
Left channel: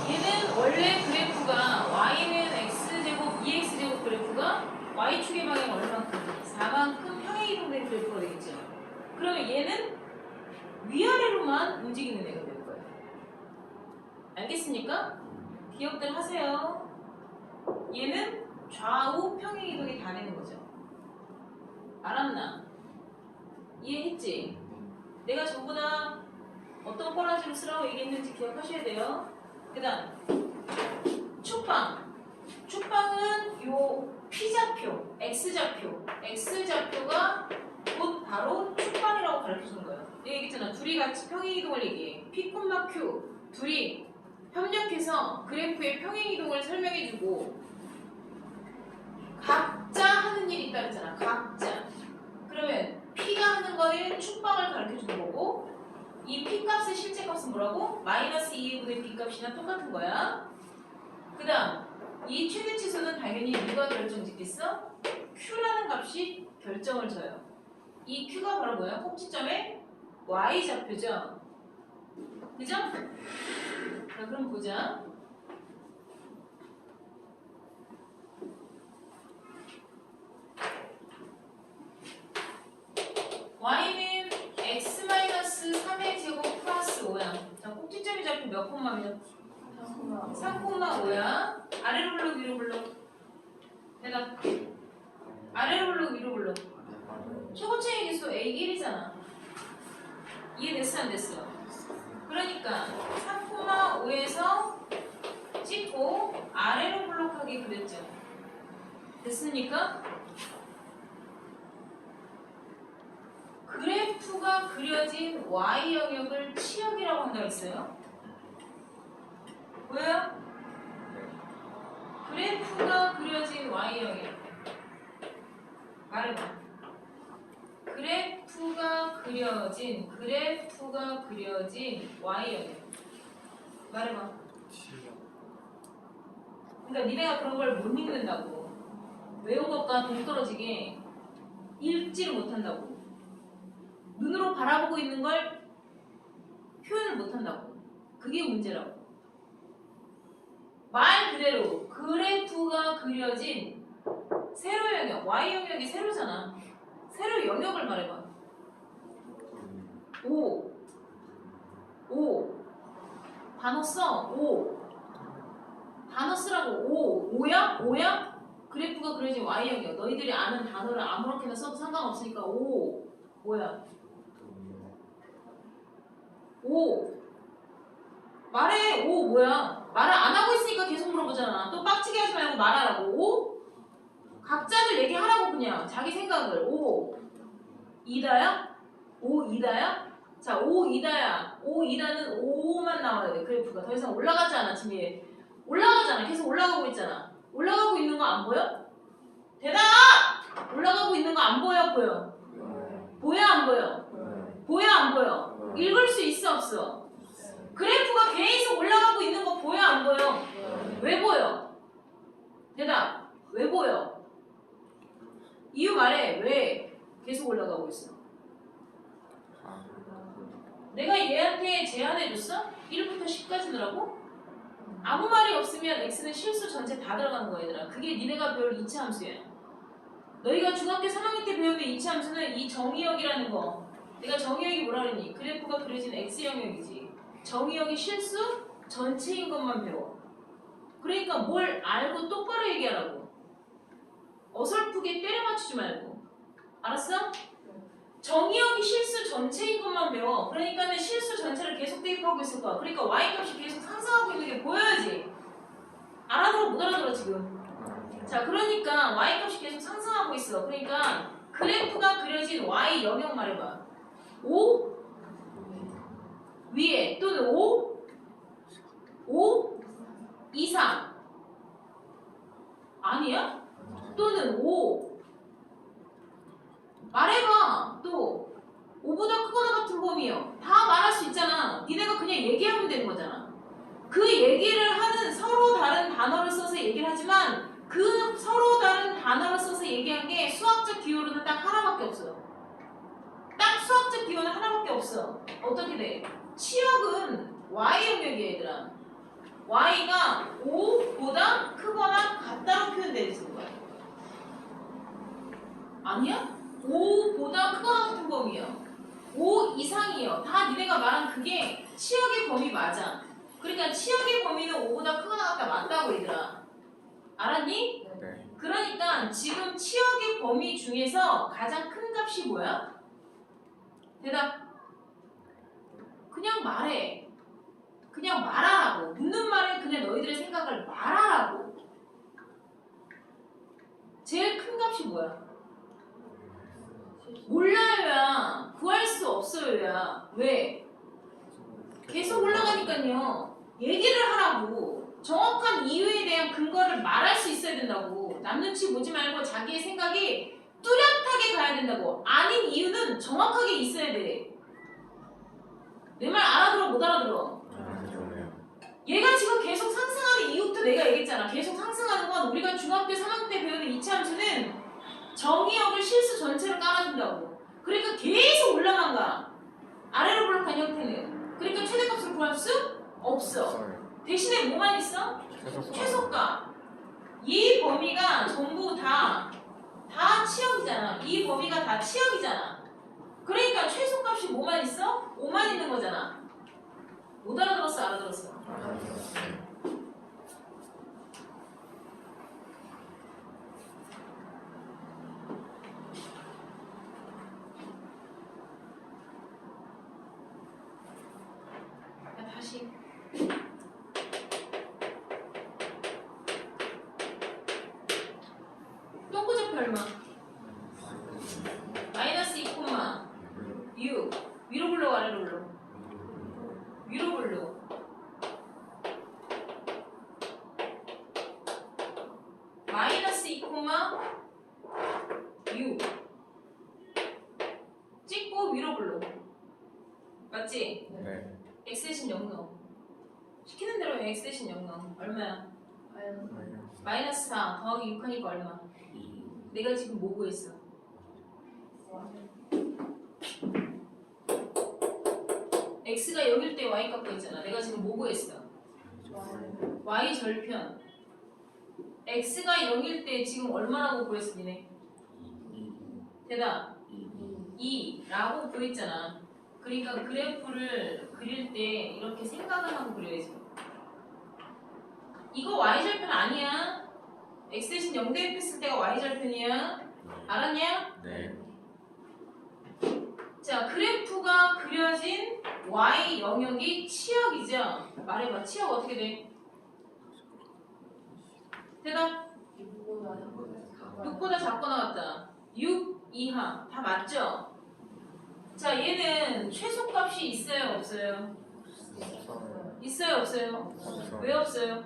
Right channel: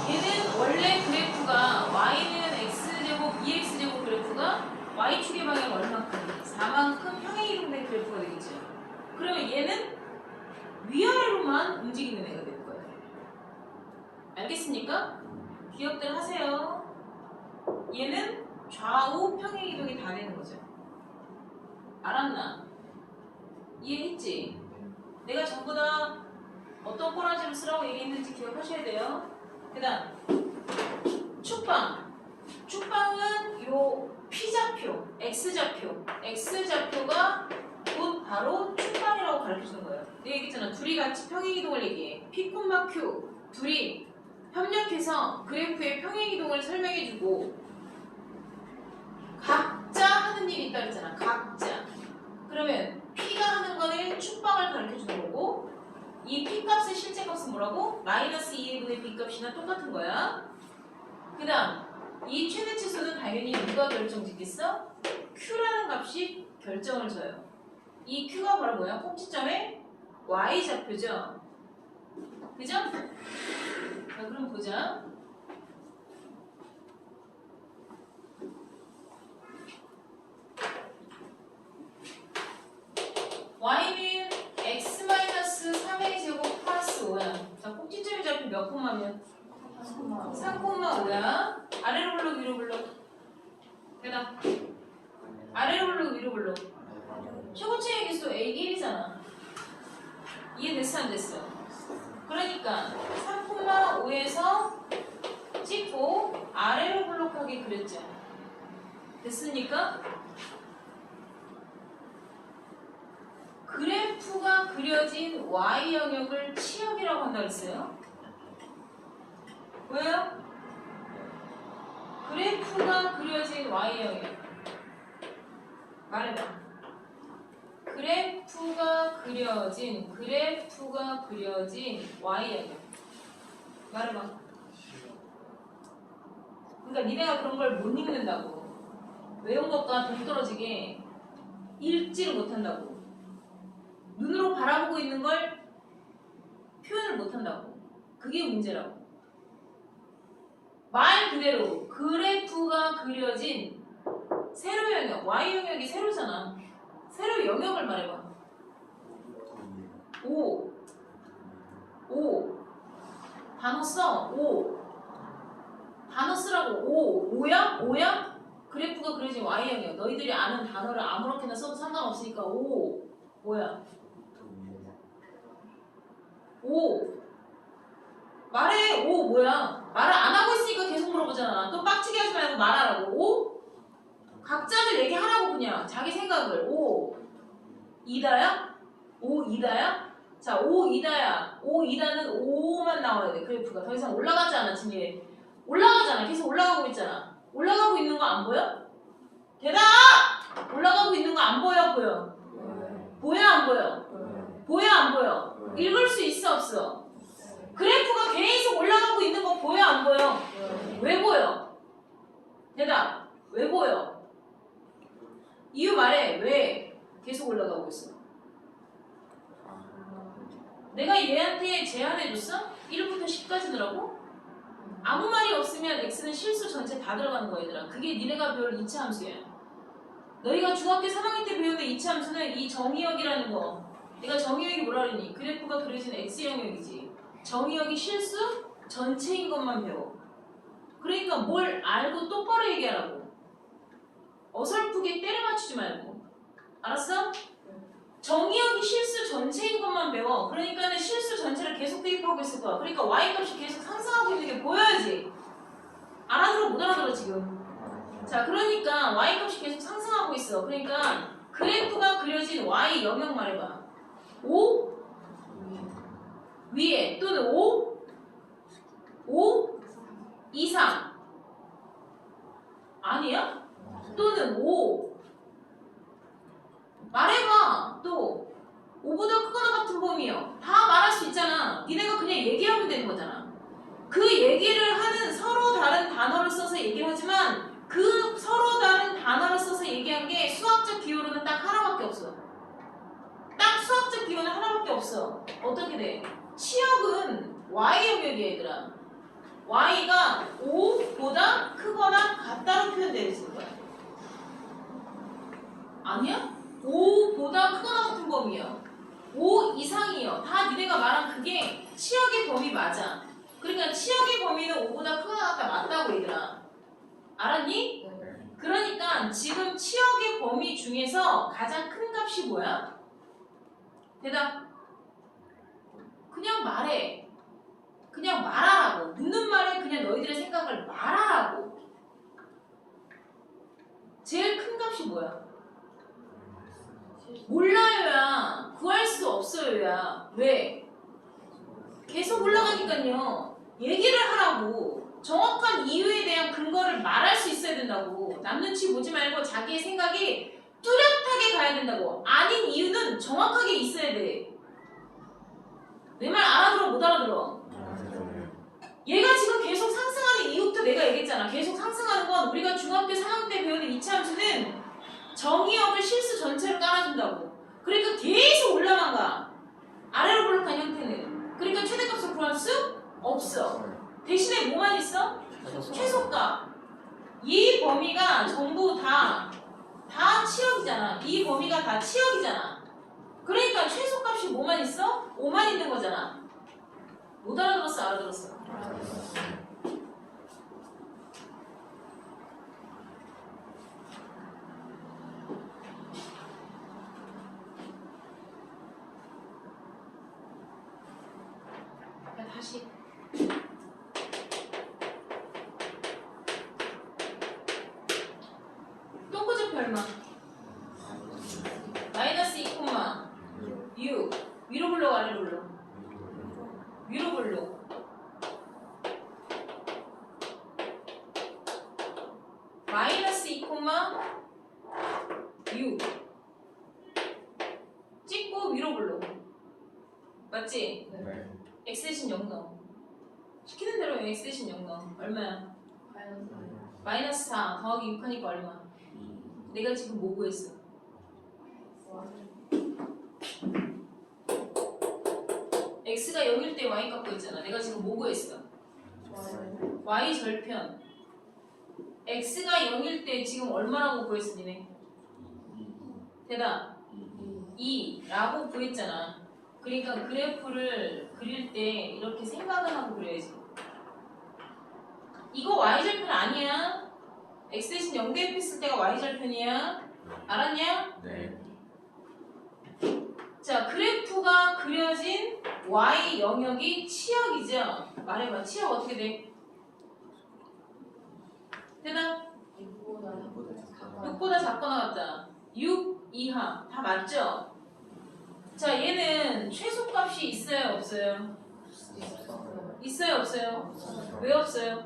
얘는 원래 그래프가 y는 x제곱 2x제곱 그래프가 y축의 방향은 얼만큼? 4만큼 평행이동된 그래프가 되겠죠. 그러면 얘는 위아래로만 움직이는 애가 되는 거예요. 알겠습니까? 기억들 하세요. 얘는 좌우 평행이동이 다 되는 거죠. 알았나? 이해했지? 내가 전부 다 어떤 꼬라지를 쓰라고 얘기했는지 기억하셔야 돼요. 그 다음 축방. 축방은 요 P좌표, X좌표가 곧 바로 축방이라고 가르쳐주는 거예요. 내가 얘기했잖아. 둘이 같이 평행이동을 얘기해. P, Q 둘이 협력해서 그래프의 평행이동을 설명해주고 각자 하는 일이 있다 그랬잖아. 각자. 그러면 P가 하는 거는 축방을 가르쳐주는 거고 이 P 값의 실제 값은 뭐라고? 마이너스 2분의 B 값이나 똑같은 거야. 그 다음 이 최대치수는 당연히 누가 결정짓겠어? Q라는 값이 결정을 줘요. 이 Q가 바로 뭐야? 꼭지점의 Y좌표죠. 그죠? 자, 그럼 보자. Y는 x-3의 제곱 플러스 5야. 자, 꼭지점의 좌표 몇 콤마면? 3,5야. 아래로 불러 위로 불러? 대답. 아래로 불러 위로 불러? 최고치의 개수 A1이잖아. 이해됐어 안 됐어? 그러니까 3,5에서 찍고 아래로 블록하게 그렸죠. 됐습니까? 그래프가 그려진 Y 영역을 치역이라고 한다고 했어요. 왜요? 그래프가 그려진 Y 영역. 말해봐. 그래프가 그려진 Y 영역. 말해봐. 그러니까 니네가 그런 걸 못 읽는다고. 외운 것과 동떨어지게 읽지를 못한다고. 눈으로 바라보고 있는 걸 표현을 못한다고. 그게 문제라고. 말 그대로 그래프가 그려진 세로 영역, Y 영역이 세로잖아. 세로 영역을 말해봐. 5 단어 써. 5 단어 쓰라고. 5야? 그래프가 그려진 Y 영역. 너희들이 아는 단어를 아무렇게나 써도 상관없으니까 5 뭐야? 5 말해. 5 뭐야? 말을 안 하고 있으니까 계속 물어보잖아. 또 빡치게 하지 말고 말하라고. 5 각자들 얘기하라고. 그냥 자기 생각을. 5 이다야? 5 이다야? 자, 5 이다야. 5 이다는 5만 나와야 돼. 그래프가 더 이상 올라가지 않아. 지금 올라가잖아. 계속 올라가고 있잖아. 올라가고 있는 거 안 보여? 대답! 올라가고 있는 거 안 보여? 보여? 보여 안 보여? 보여 안 보여? 읽을 수 있어 없어? 그래프가 계속 올라가고 있는 거 보여 안 보여? 왜 보여? 대답. 왜 보여? 이유 말해. 왜 계속 올라가고 있어? 내가 얘한테 제안해줬어? 1부터 10까지더라고? 아무 말이 없으면 x는 실수 전체 다 들어가는 거야 얘들아. 그게 니네가 배울 2차 함수야. 너희가 중학교 3학년 때 배우는 2차 함수는 이 정의역이라는 거. 내가 정의역이 뭐라 그랬니? 그래프가 그려진 x영역이지. 정의역이 실수 전체인 것만 배워. 그러니까 뭘 알고 똑바로 얘기하라고. 어설프게 때려 맞추지 말고. 알았어? 정의역이 실수 전체인 것만 배워. 그러니까는 실수 전체를 계속 대입하고 있을 거야. 그러니까 y값이 계속 상승하고 있는 게 보여야지. 알아들어 못 알아들어 지금. 자, 그러니까 y값이 계속 상승하고 있어. 그러니까 그래프가 그려진 y 영역 말해봐. 5 위에 또는 5 이상 아니야? 또는 5 말해봐. 또 5보다 크거나 같은 범위요. 다 말할 수 있잖아. 니네가 그냥 얘기하면 되는 거잖아. 그 얘기를 하는 서로 다른 단어를 써서 얘기를 하지만 그 서로 다른 단어를 써서 얘기한 게 수학적 기호로는 딱 하나밖에 없어. 딱 수학적 기호는 하나밖에 없어. 어떻게 돼? 치역은 y 영역이야 얘들아. y가 5보다 크거나 같다로 표현되는 거야. 아니야? 5보다 크거나 같은 범위야. 5 이상이요. 다 니네가 말한 그게 치역의 범위 맞아. 그러니까 치역의 범위는 5보다 크거나 같다 맞다고 얘들아. 알았니? 그러니까 지금 치역의 범위 중에서 가장 큰 값이 뭐야? 대답. 그냥 말해. 그냥 말하라고. 묻는 말에 그냥 너희들의 생각을 말하라고. 제일 큰 값이 뭐야? 몰라요야. 구할 수 없어요야. 왜? 계속 올라가니까요. 얘기를 하라고. 정확한 이유에 대한 근거를 말할 수 있어야 된다고. 남 눈치 보지 말고 자기의 생각이 뚜렷하게 가야 된다고. 아닌 이유는 정확하게 있어야 돼. 내 말 알아들어 못 알아들어? 얘가 지금 계속 상승하는 이유부터 내가 얘기했잖아. 계속 상승하는 건 우리가 중학교 3학년 때 배우는 이차 함수는 정의역을 실수 전체로 깔아준다고. 그러니까 계속 올라만 가. 아래로 블록한 형태는. 그러니까 최대값을 구할 수 없어. 대신에 뭐만 있어? 최소값. 이 범위가 전부 다 치역이잖아. 이 범위가 다 치역이잖아. 그러니까 최소값이 뭐만 있어? 5만 있는 거잖아. 못 알아들었어? 알아들었어? 야, 다시. 동그좌표 얼마? 마이너스 2, 6. 위로 불러 아래로 불러? 위로 불러. 마이너스 2, 6. 찍고 위로 불러. 맞지? 네. x 대신 0 넣어. 시키는 대로 x 대신 0 넣어. 얼마야? 마이너스 4 더하기 6 하니까 얼마? 내가 지금 뭐 구했어? x가 0일 때 y 값 구했잖아. 내가 지금 뭐 구했어? y 절편. x가 0일 때 지금 얼마라고 구했어 니네? 대답 2라고 구했잖아. 그러니까 그래프를 그릴 때 이렇게 생각을 하고 그려야지. 이거 y절편 아니야. x 대신 0 대입했을 때가 y절편이야. 알았냐? 네. 자, 그래프가 그려진 y 영역이 치역이죠. 말해봐. 치역 어떻게 돼? 대답 6보다 작거나 같다. 6 이하. 다 맞죠? 자, 얘는 최소값이 있어요 없어요? 있어요 없어요? 왜 없어요?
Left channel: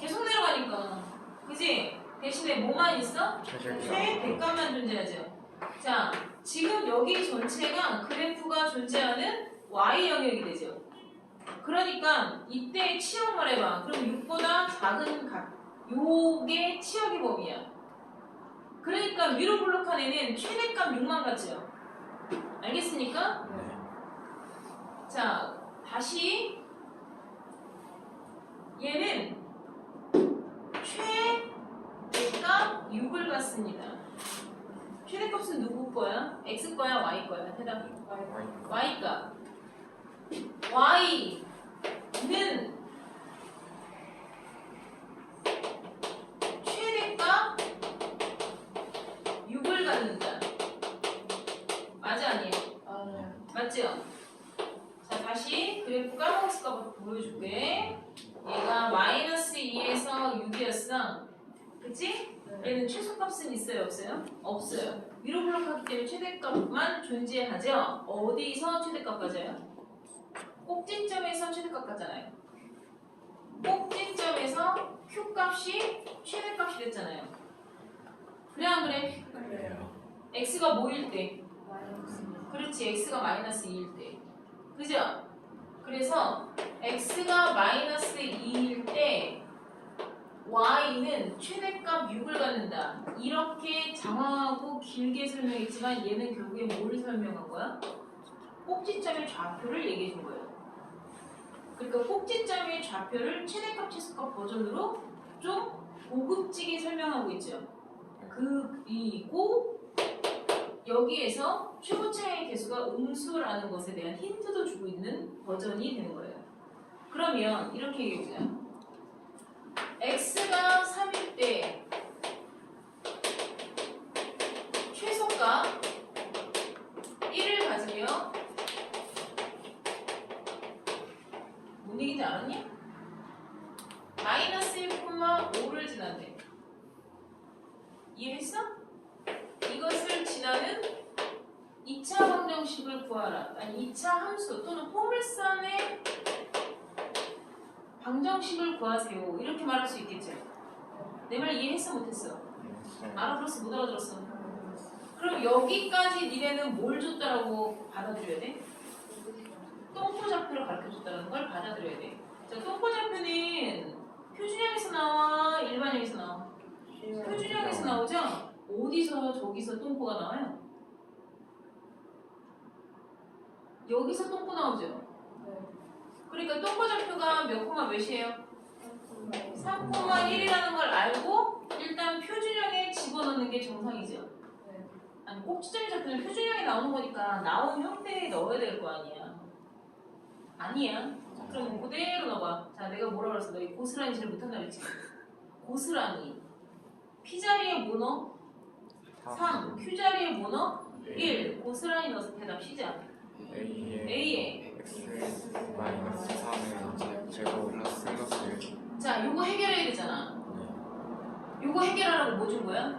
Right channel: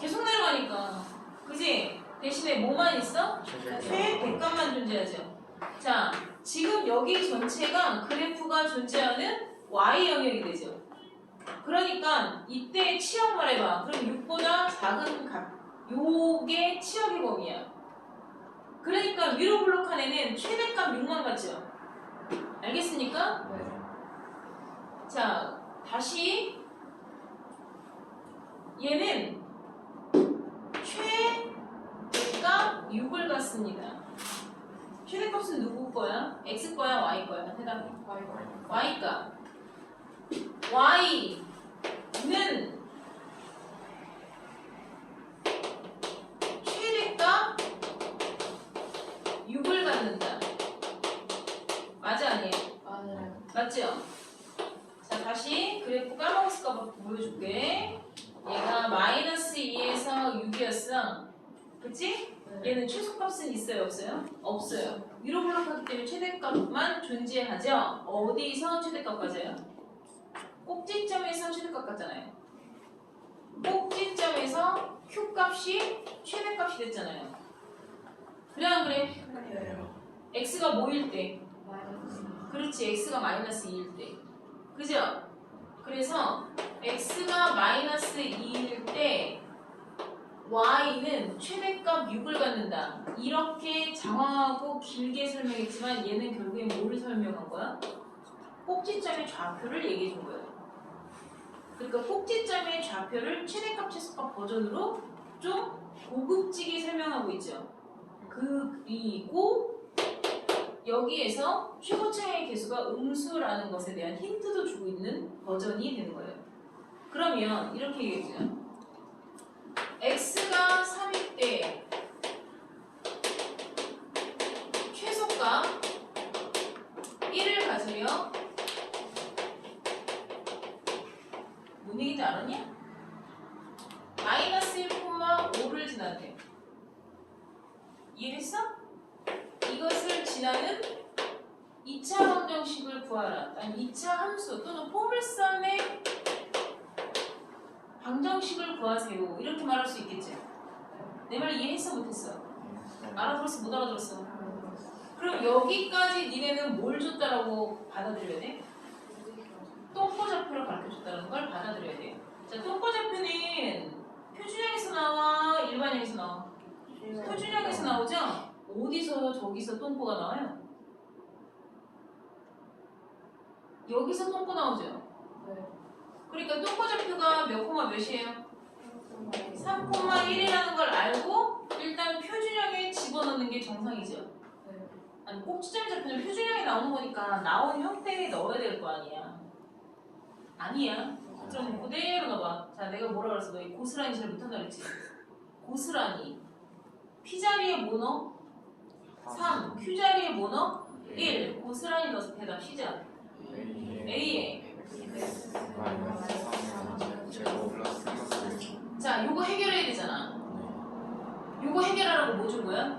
계속 내려가니까. 그지? 대신에 뭐만 있어? 최대값만 존재하죠. 자, 지금 여기 전체가 그래프가 존재하는 y 영역이 되죠. 그러니까 이때 치역 말해봐. 그럼 6보다 작은 값. 요게 치역의 범위야. 그러니까 위로 블록한 애는 최대값 6만 같죠? 알겠습니까? 자, 다시 얘는 최대값 6을 갖습니다. 최대값은 누구 거야? x 거야? y 거야? 대답. y 값. y는 최대값 6을 갖는다. 맞아 아니에요? 맞죠? 자, 다시 그래프 까먹었을까봐 보여줄게. 얘가 마이너스 2에서 6이었어. 그치? 얘는 최소값은 있어요 없어요? 없어요. 위로 블록하기 때문에 최대값만 존재하죠. 어디서 최대값 가져요? 꼭지점에서 최대값 같잖아요. 꼭지점에서 Q값이 최대값이 됐잖아요. 그래 안 그래? X가 뭐일 때? 그렇지. X가 마이너스 2일 때. 그죠? 그래서 X가 마이너스 2일 때 Y는 최대값 6을 갖는다. 이렇게 장황하고 길게 설명했지만 얘는 결국에 뭘 설명한 거야? 꼭지점의 좌표를 얘기해 준 거예요. 그러니까 꼭지점의 좌표를 최대값, 최소값 버전으로 좀 고급지게 설명하고 있죠. 그리고 여기에서 최고차의 개수가 음수라는 것에 대한 힌트도 주고 있는 버전이 되는 거예요. 그러면 이렇게 얘기해보자. x가 3일 때 최소가 1을 가지며 뭔 얘기인지 알았냐? 마이너스 1,5를 지나대. 이해했어? 이것을 지나는 2차 방정식을 구하라. 아니 2차 함수 또는 포물선의 방정식을 구하세요. 이렇게 말할 수 있겠지? 내 말 이해했어? 못했어? 알아들었어? 못 알아들었어? 그럼 여기까지 니네는 뭘 줬다라고 받아들여야 돼? 똥꼬좌표를 가르쳐줬다는 걸 받아들여야 돼. 자, 똥꼬좌표는 표준형에서 나와? 일반형에서 나와? 표준형에서 나오죠? 어디서 저기서 똥꼬가 나와요? 여기서 똥꼬 나오죠? 그러니까 똥꼬좌표가 몇 콤마 몇이에요? 3,1이라는 걸 알고 일단 표준형에 집어넣는 게 정상이죠. 아니 꼭지점의 좌표는 표준형에 나오는 거니까 나온 형태에 넣어야 될 거 아니야. 아니야. 그럼 그대로 넣어봐. 자, 내가 뭐라 그랬어? 너 이 고스란히 잘 못한다 그랬지? 고스란히 P 자리에 뭐 넣어? 3. Q 자리에 뭐 넣어? 1. 고스란히 넣어서 대답 시작. A에 자, 요거 해결해야 되잖아. 요거 해결하라고 뭐 준 거야?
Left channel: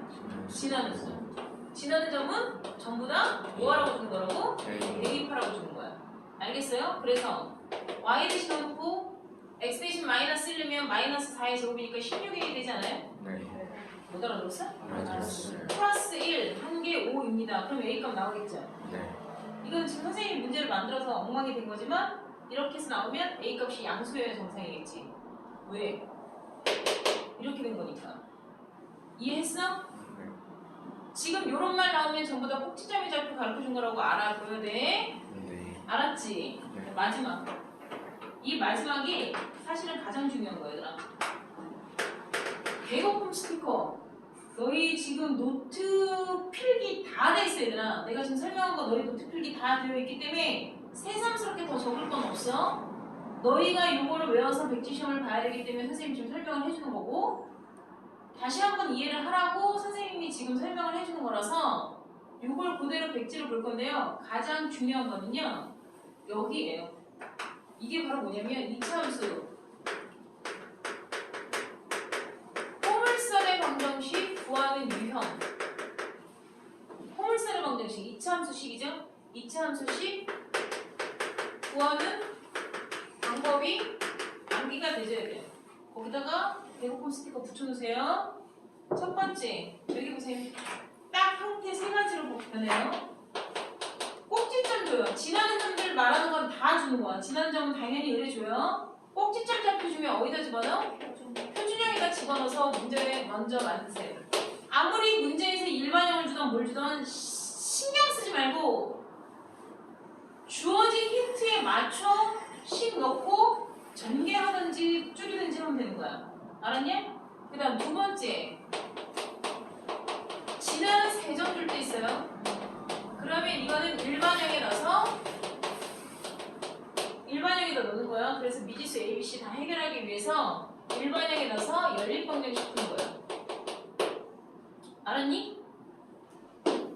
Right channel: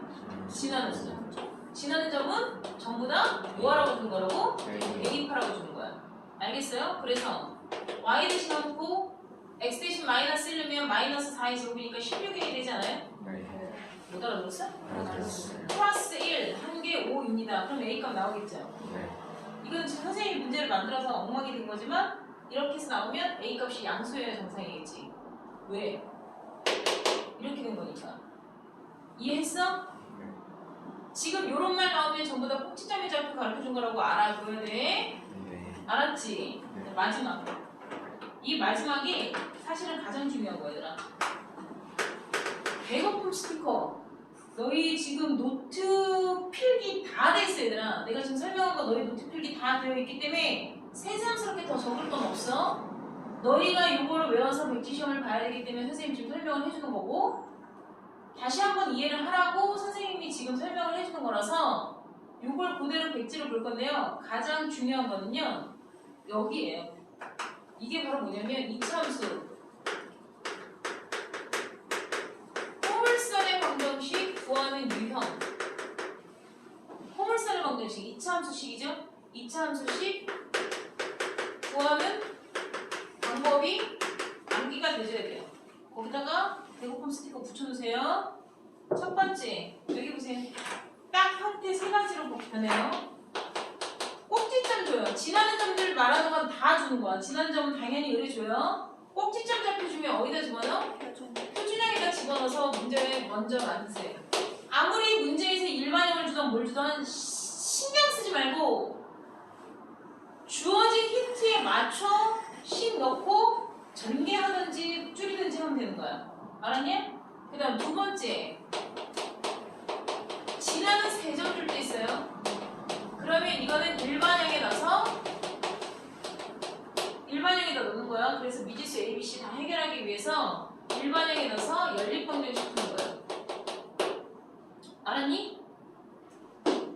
지나는 점. 지나는 점은 전부 다 뭐하라고 주는 거라고? 대입하라고 주는 거야. 알겠어요? 그래서 y 대신 넣고 x 대신 마이너스 1이면 마이너스 4의 제곱이니까 16이 되지 않아요? 못 알아들었어? 플러스 1, 한 개 5입니다. 그럼 a 값 나오겠죠? 이건 지금 선생님이 문제를 만들어서 엉망이 된 거지만 이렇게 해서 나오면 a 값이 양수여야 정상이겠지. 왜? 이렇게 된 거니까. 이해했어? 지금 요런 말 나오면 전부 다 꼭지점의 좌표 가르쳐준 거라고 알아줘야 돼. 알았지? 마지막. 이 마지막이 사실은 가장 중요한 거야, 얘들아. 배고픔 스티커. 너희 지금 노트 필기 다 돼 있어, 얘들아. 내가 지금 설명한 거 너희 노트 필기 다 되어 있기 때문에 새삼스럽게 더 적을 건 없어. 너희가 이거를 외워서 백지 시험을 봐야 되기 때문에 선생님이 지금 설명을 해주는 거고, 다시 한번 이해를 하라고 선생님이 지금 설명을 해주는 거라서 이걸 그대로 백지로 볼 건데요. 가장 중요한 거는요, 여기에요. 이게 바로 뭐냐면 2차 함수 포물선의 방정식 구하는 유형. 포물선의 방정식 2차 함수식이죠? 2차 함수식 구하는 방법이 암기가 되셔야 돼요. 거기다가 배고픔 스티커 붙여주세요. 첫 번째, 여기 보세요. 딱 형태 세 가지로 변해요. 꼭지점 줘요. 지나는 점들 말하는 건 다 주는 거야. 지나는 점은 당연히 의뢰줘요. 꼭지점 잡혀 주면 어디다 집어넣어? 표준형에다 집어넣어서 문제를 먼저 만드세요. 아무리 문제에서 일반형을 주던 뭘 주던 신경 쓰지 말고 주어진 힌트에 맞춰 식 넣고 전개하든지 줄이든지 하면 되는 거야. 알았냐? 그 다음 두 번째, 지나는 세 점 줄 때 있어요. 그러면 이거는 일반형에 넣어서 일반형에다 넣는 거야. 그래서 미지수 A, B, C 다 해결하기 위해서 일반형에 넣어서 연립방정식 푸는 거야. 알았니?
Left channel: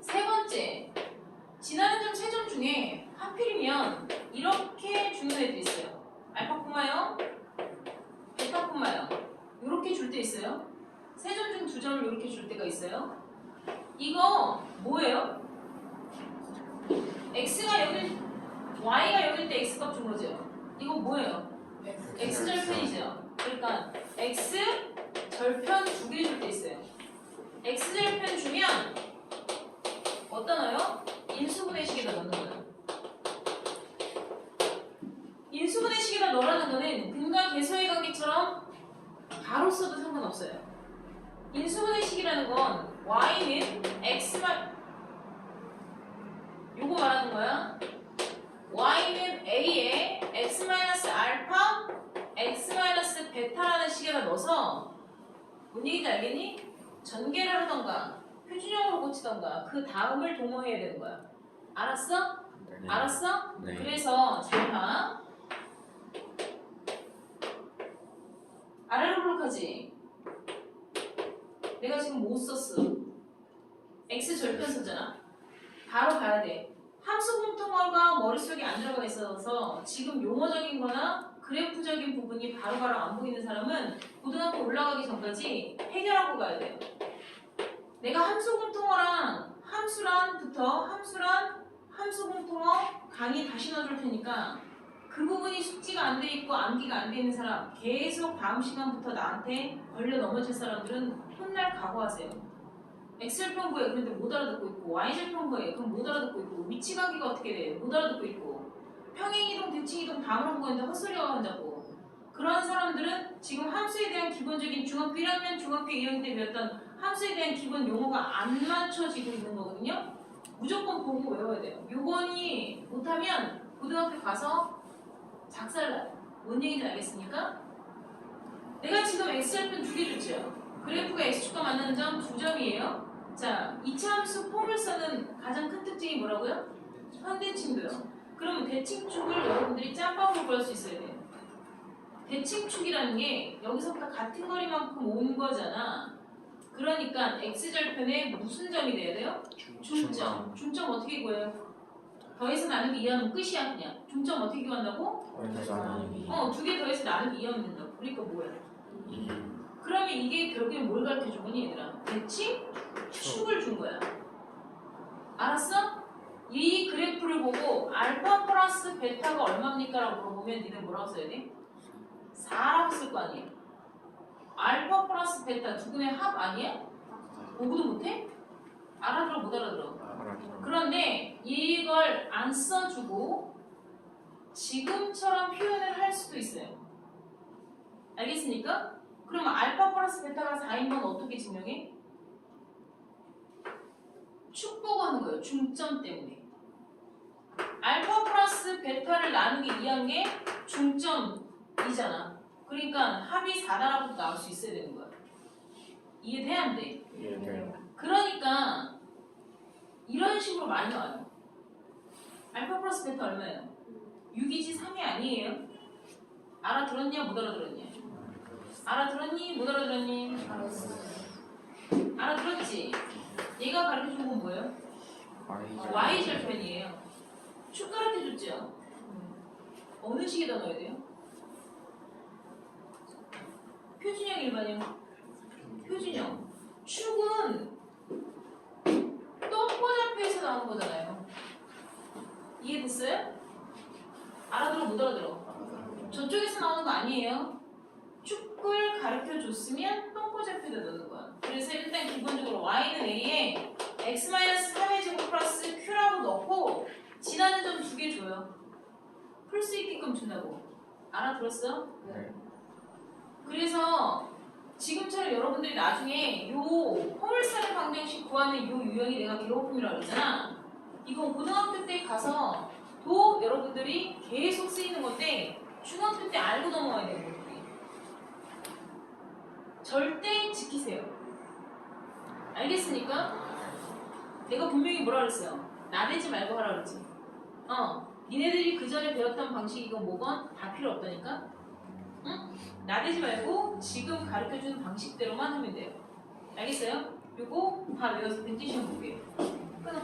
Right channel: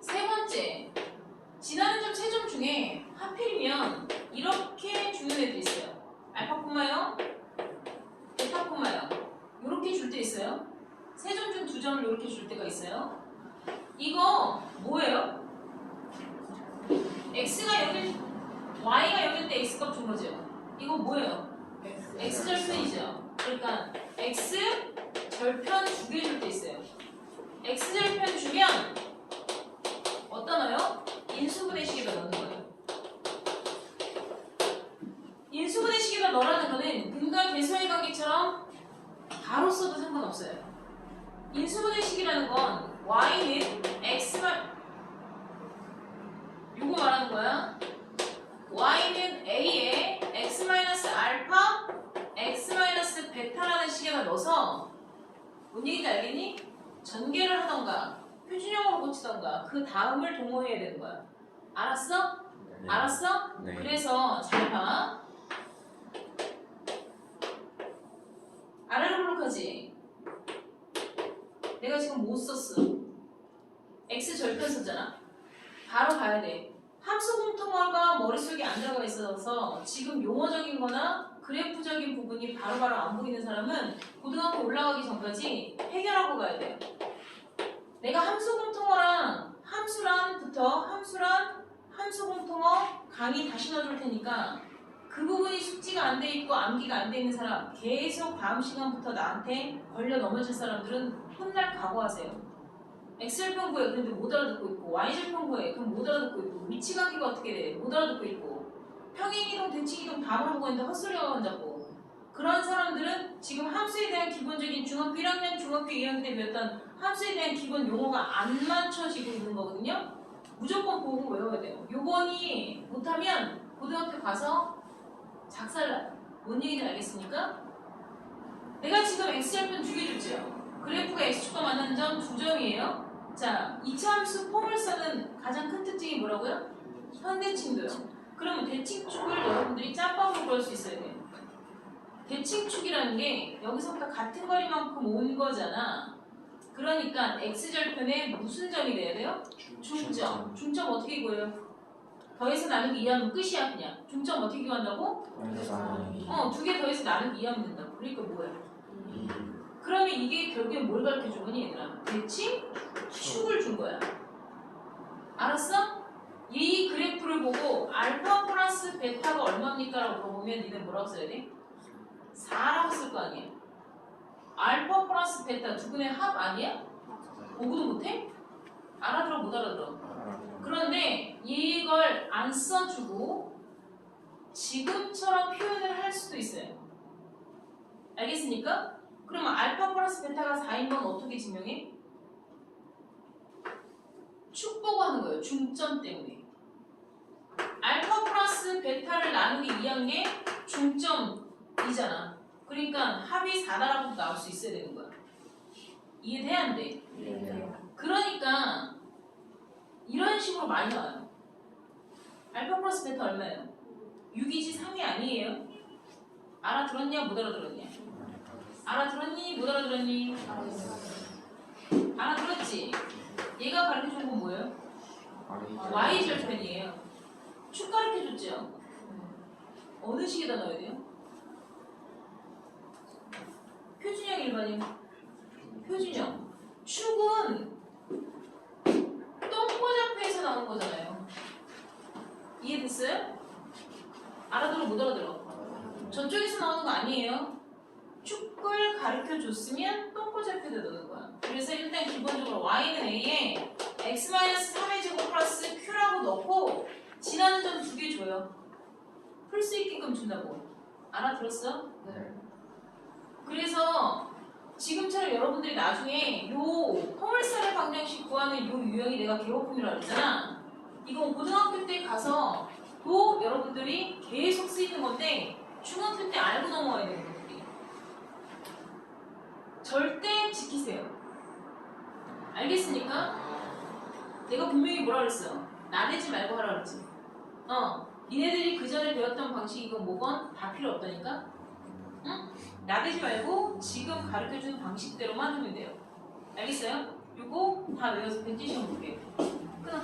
세 번째, 지나는 점 세 점 중에 하필이면 이렇게 주는 애도 있어요. 알파 콤마요, 베타 콤마요. 이렇게 줄 때 있어요. 세 점 중 두 점을 이렇게 줄 때가 있어요. 이거 뭐예요? x가 여길, y가 여길 때 x값 준 거죠. 이거 뭐예요? x절편이죠. 그러니까 x 절편 두 개 줄 때 있어요. x 절편 주면 어디다 넣어요? 인수분해식에다 넣는 거예요. 인수분해식에다 넣으라는 거는 근과 계수의 관계처럼 바로 써도 상관없어요. 인수분해식이라는 건 y는 x만 요거 말하는 거야. y는 a에 x-알파, x-베타라는 식에다 넣어서 뭔 얘기인지 알겠니? 전개를 하던가 표준형으로 고치던가 그 다음을 동호해야 되는 거야. 알았어? 네. 알았어? 네. 그래서 잘 봐. 아래로 블록하지? 내가 지금 못 썼어. x 절편 썼잖아. 바로 가야 돼. 함수 공통어가 머릿속에 안 들어가 있어서 지금 용어적인 거나 그래프적인 부분이 바로바로 안 보이는 사람은 고등학교 올라가기 전까지 해결하고 가야 돼요. 내가 함수 공통어랑 함수 공통어 강의 다시 넣어줄 테니까 그 부분이 숙지가 안 돼 있고 암기가 안 돼 있는 사람 계속 다음 시간부터 나한테 걸려 넘어질 사람들은 혼날 각오하세요. X절편 구해 그런데 못 알아듣고 있고 Y절편 구해 그럼 못 알아듣고 있고 위치 관계가 어떻게 돼 못 알아듣고 있고 평행이동 대칭이동 다 물어보고 있는데 헛소리가 혼자고 그런 사람들은 지금 함수에 대한 기본적인 중학교 1학년 중학교 2학년 때 배웠던 함수에 대한 기본 용어가 안 맞춰지고 있는 거거든요. 무조건 보고 외워야 돼요. 요번이 못하면 고등학교 가서 작살나요. 뭔 얘기인지 알겠습니까? 내가 지금 X절편 2개 줬죠. 그래프가 X축과 만나는 점 2점이에요. 자, 2차 함수 포물선은 가장 큰 특징이 뭐라고요? 현대칭도요. 그러면 대칭축을 여러분들이 짬밥으로 구할 수 있어야 돼요. 대칭축이라는 게 여기서부터 같은 거리만큼 온 거잖아. 그러니까 X절편에 무슨 점이 돼야 돼요? 중점. 중점 어떻게 구해요? 더해서 나누기 2하면 끝이야 그냥. 중점 어떻게 구한다고? 2개 더해서 나누기 2하면 된다고. 그러니까 뭐야? 그러면 이게 결국엔 뭘 가르쳐준 거니 얘들아? 대칭? 축을 준 거야. 알았어? 이 그래프를 보고 알파 플러스 베타가 얼마입니까? 라고 물어보면 니네 뭐라고 써야 돼? 4라고 쓸 거 아니야. 알파 플러스 베타 두 분의 합 아니야? 공부도 못해? 알아들어 못 알아들어? 그런데 이걸 안 써주고 지금처럼 표현을 할 수도 있어요. 알겠습니까? 그러면 알파 플러스 베타가 4인 건 어떻게 증명해? 축 보고 하는 거예요. 중점 때문에. 알파 플러스 베타를 나누기 2한 게 중점이잖아. 그러니까 합이 4다라고 나올 수 있어야 되는 거야. 이해돼야 안 돼? 그러니까 이런 식으로 많이 나와요. 알파 플러스 베타 얼마예요? 6이지 3이 아니에요. 알아들었냐 못 알아들었냐? 알아들었니 못 알아들었니? 알아들었지? 얘가 가르쳐준 건 뭐예요? Y절편이에요. 축 가르쳐줬죠? 어느 식에다 넣어야 돼요? 표준형 일반형? 표준형. 축은 똥꼬잡혀에서 나온 거잖아요. 이해됐어요? 알아들어 못 알아들어? 저쪽에서 나오는 거 아니에요. 축을 가르쳐줬으면 똥꼬잡혀에다 넣는 거야. 그래서 일단 기본적으로 y는 a에 x-3의 제곱 플러스 q라고 넣고 지나는 점 2개 줘요. 풀 수 있게끔 준다고. 알아들었어? 네. 그래서 지금처럼 여러분들이 나중에 요 포물선의 방정식 구하는 요 유형이 내가 개호품이라고 그랬잖아. 이건 고등학교 때 가서 또 여러분들이 계속 쓰이는 건데 중학교 때 알고 넘어가야 돼요. 여러분들이. 절대 지키세요. 알겠습니까? 내가 분명히 뭐라 그랬어요? 나대지 말고 하라 그랬지. 니네들이 그 전에 배웠던 방식이건 뭐건 다 필요 없다니까? 응? 나대지 말고 지금 가르쳐주는 방식대로만 하면 돼요. 알겠어요? 요거 다 외워서 벤티션 볼게요. 끊어.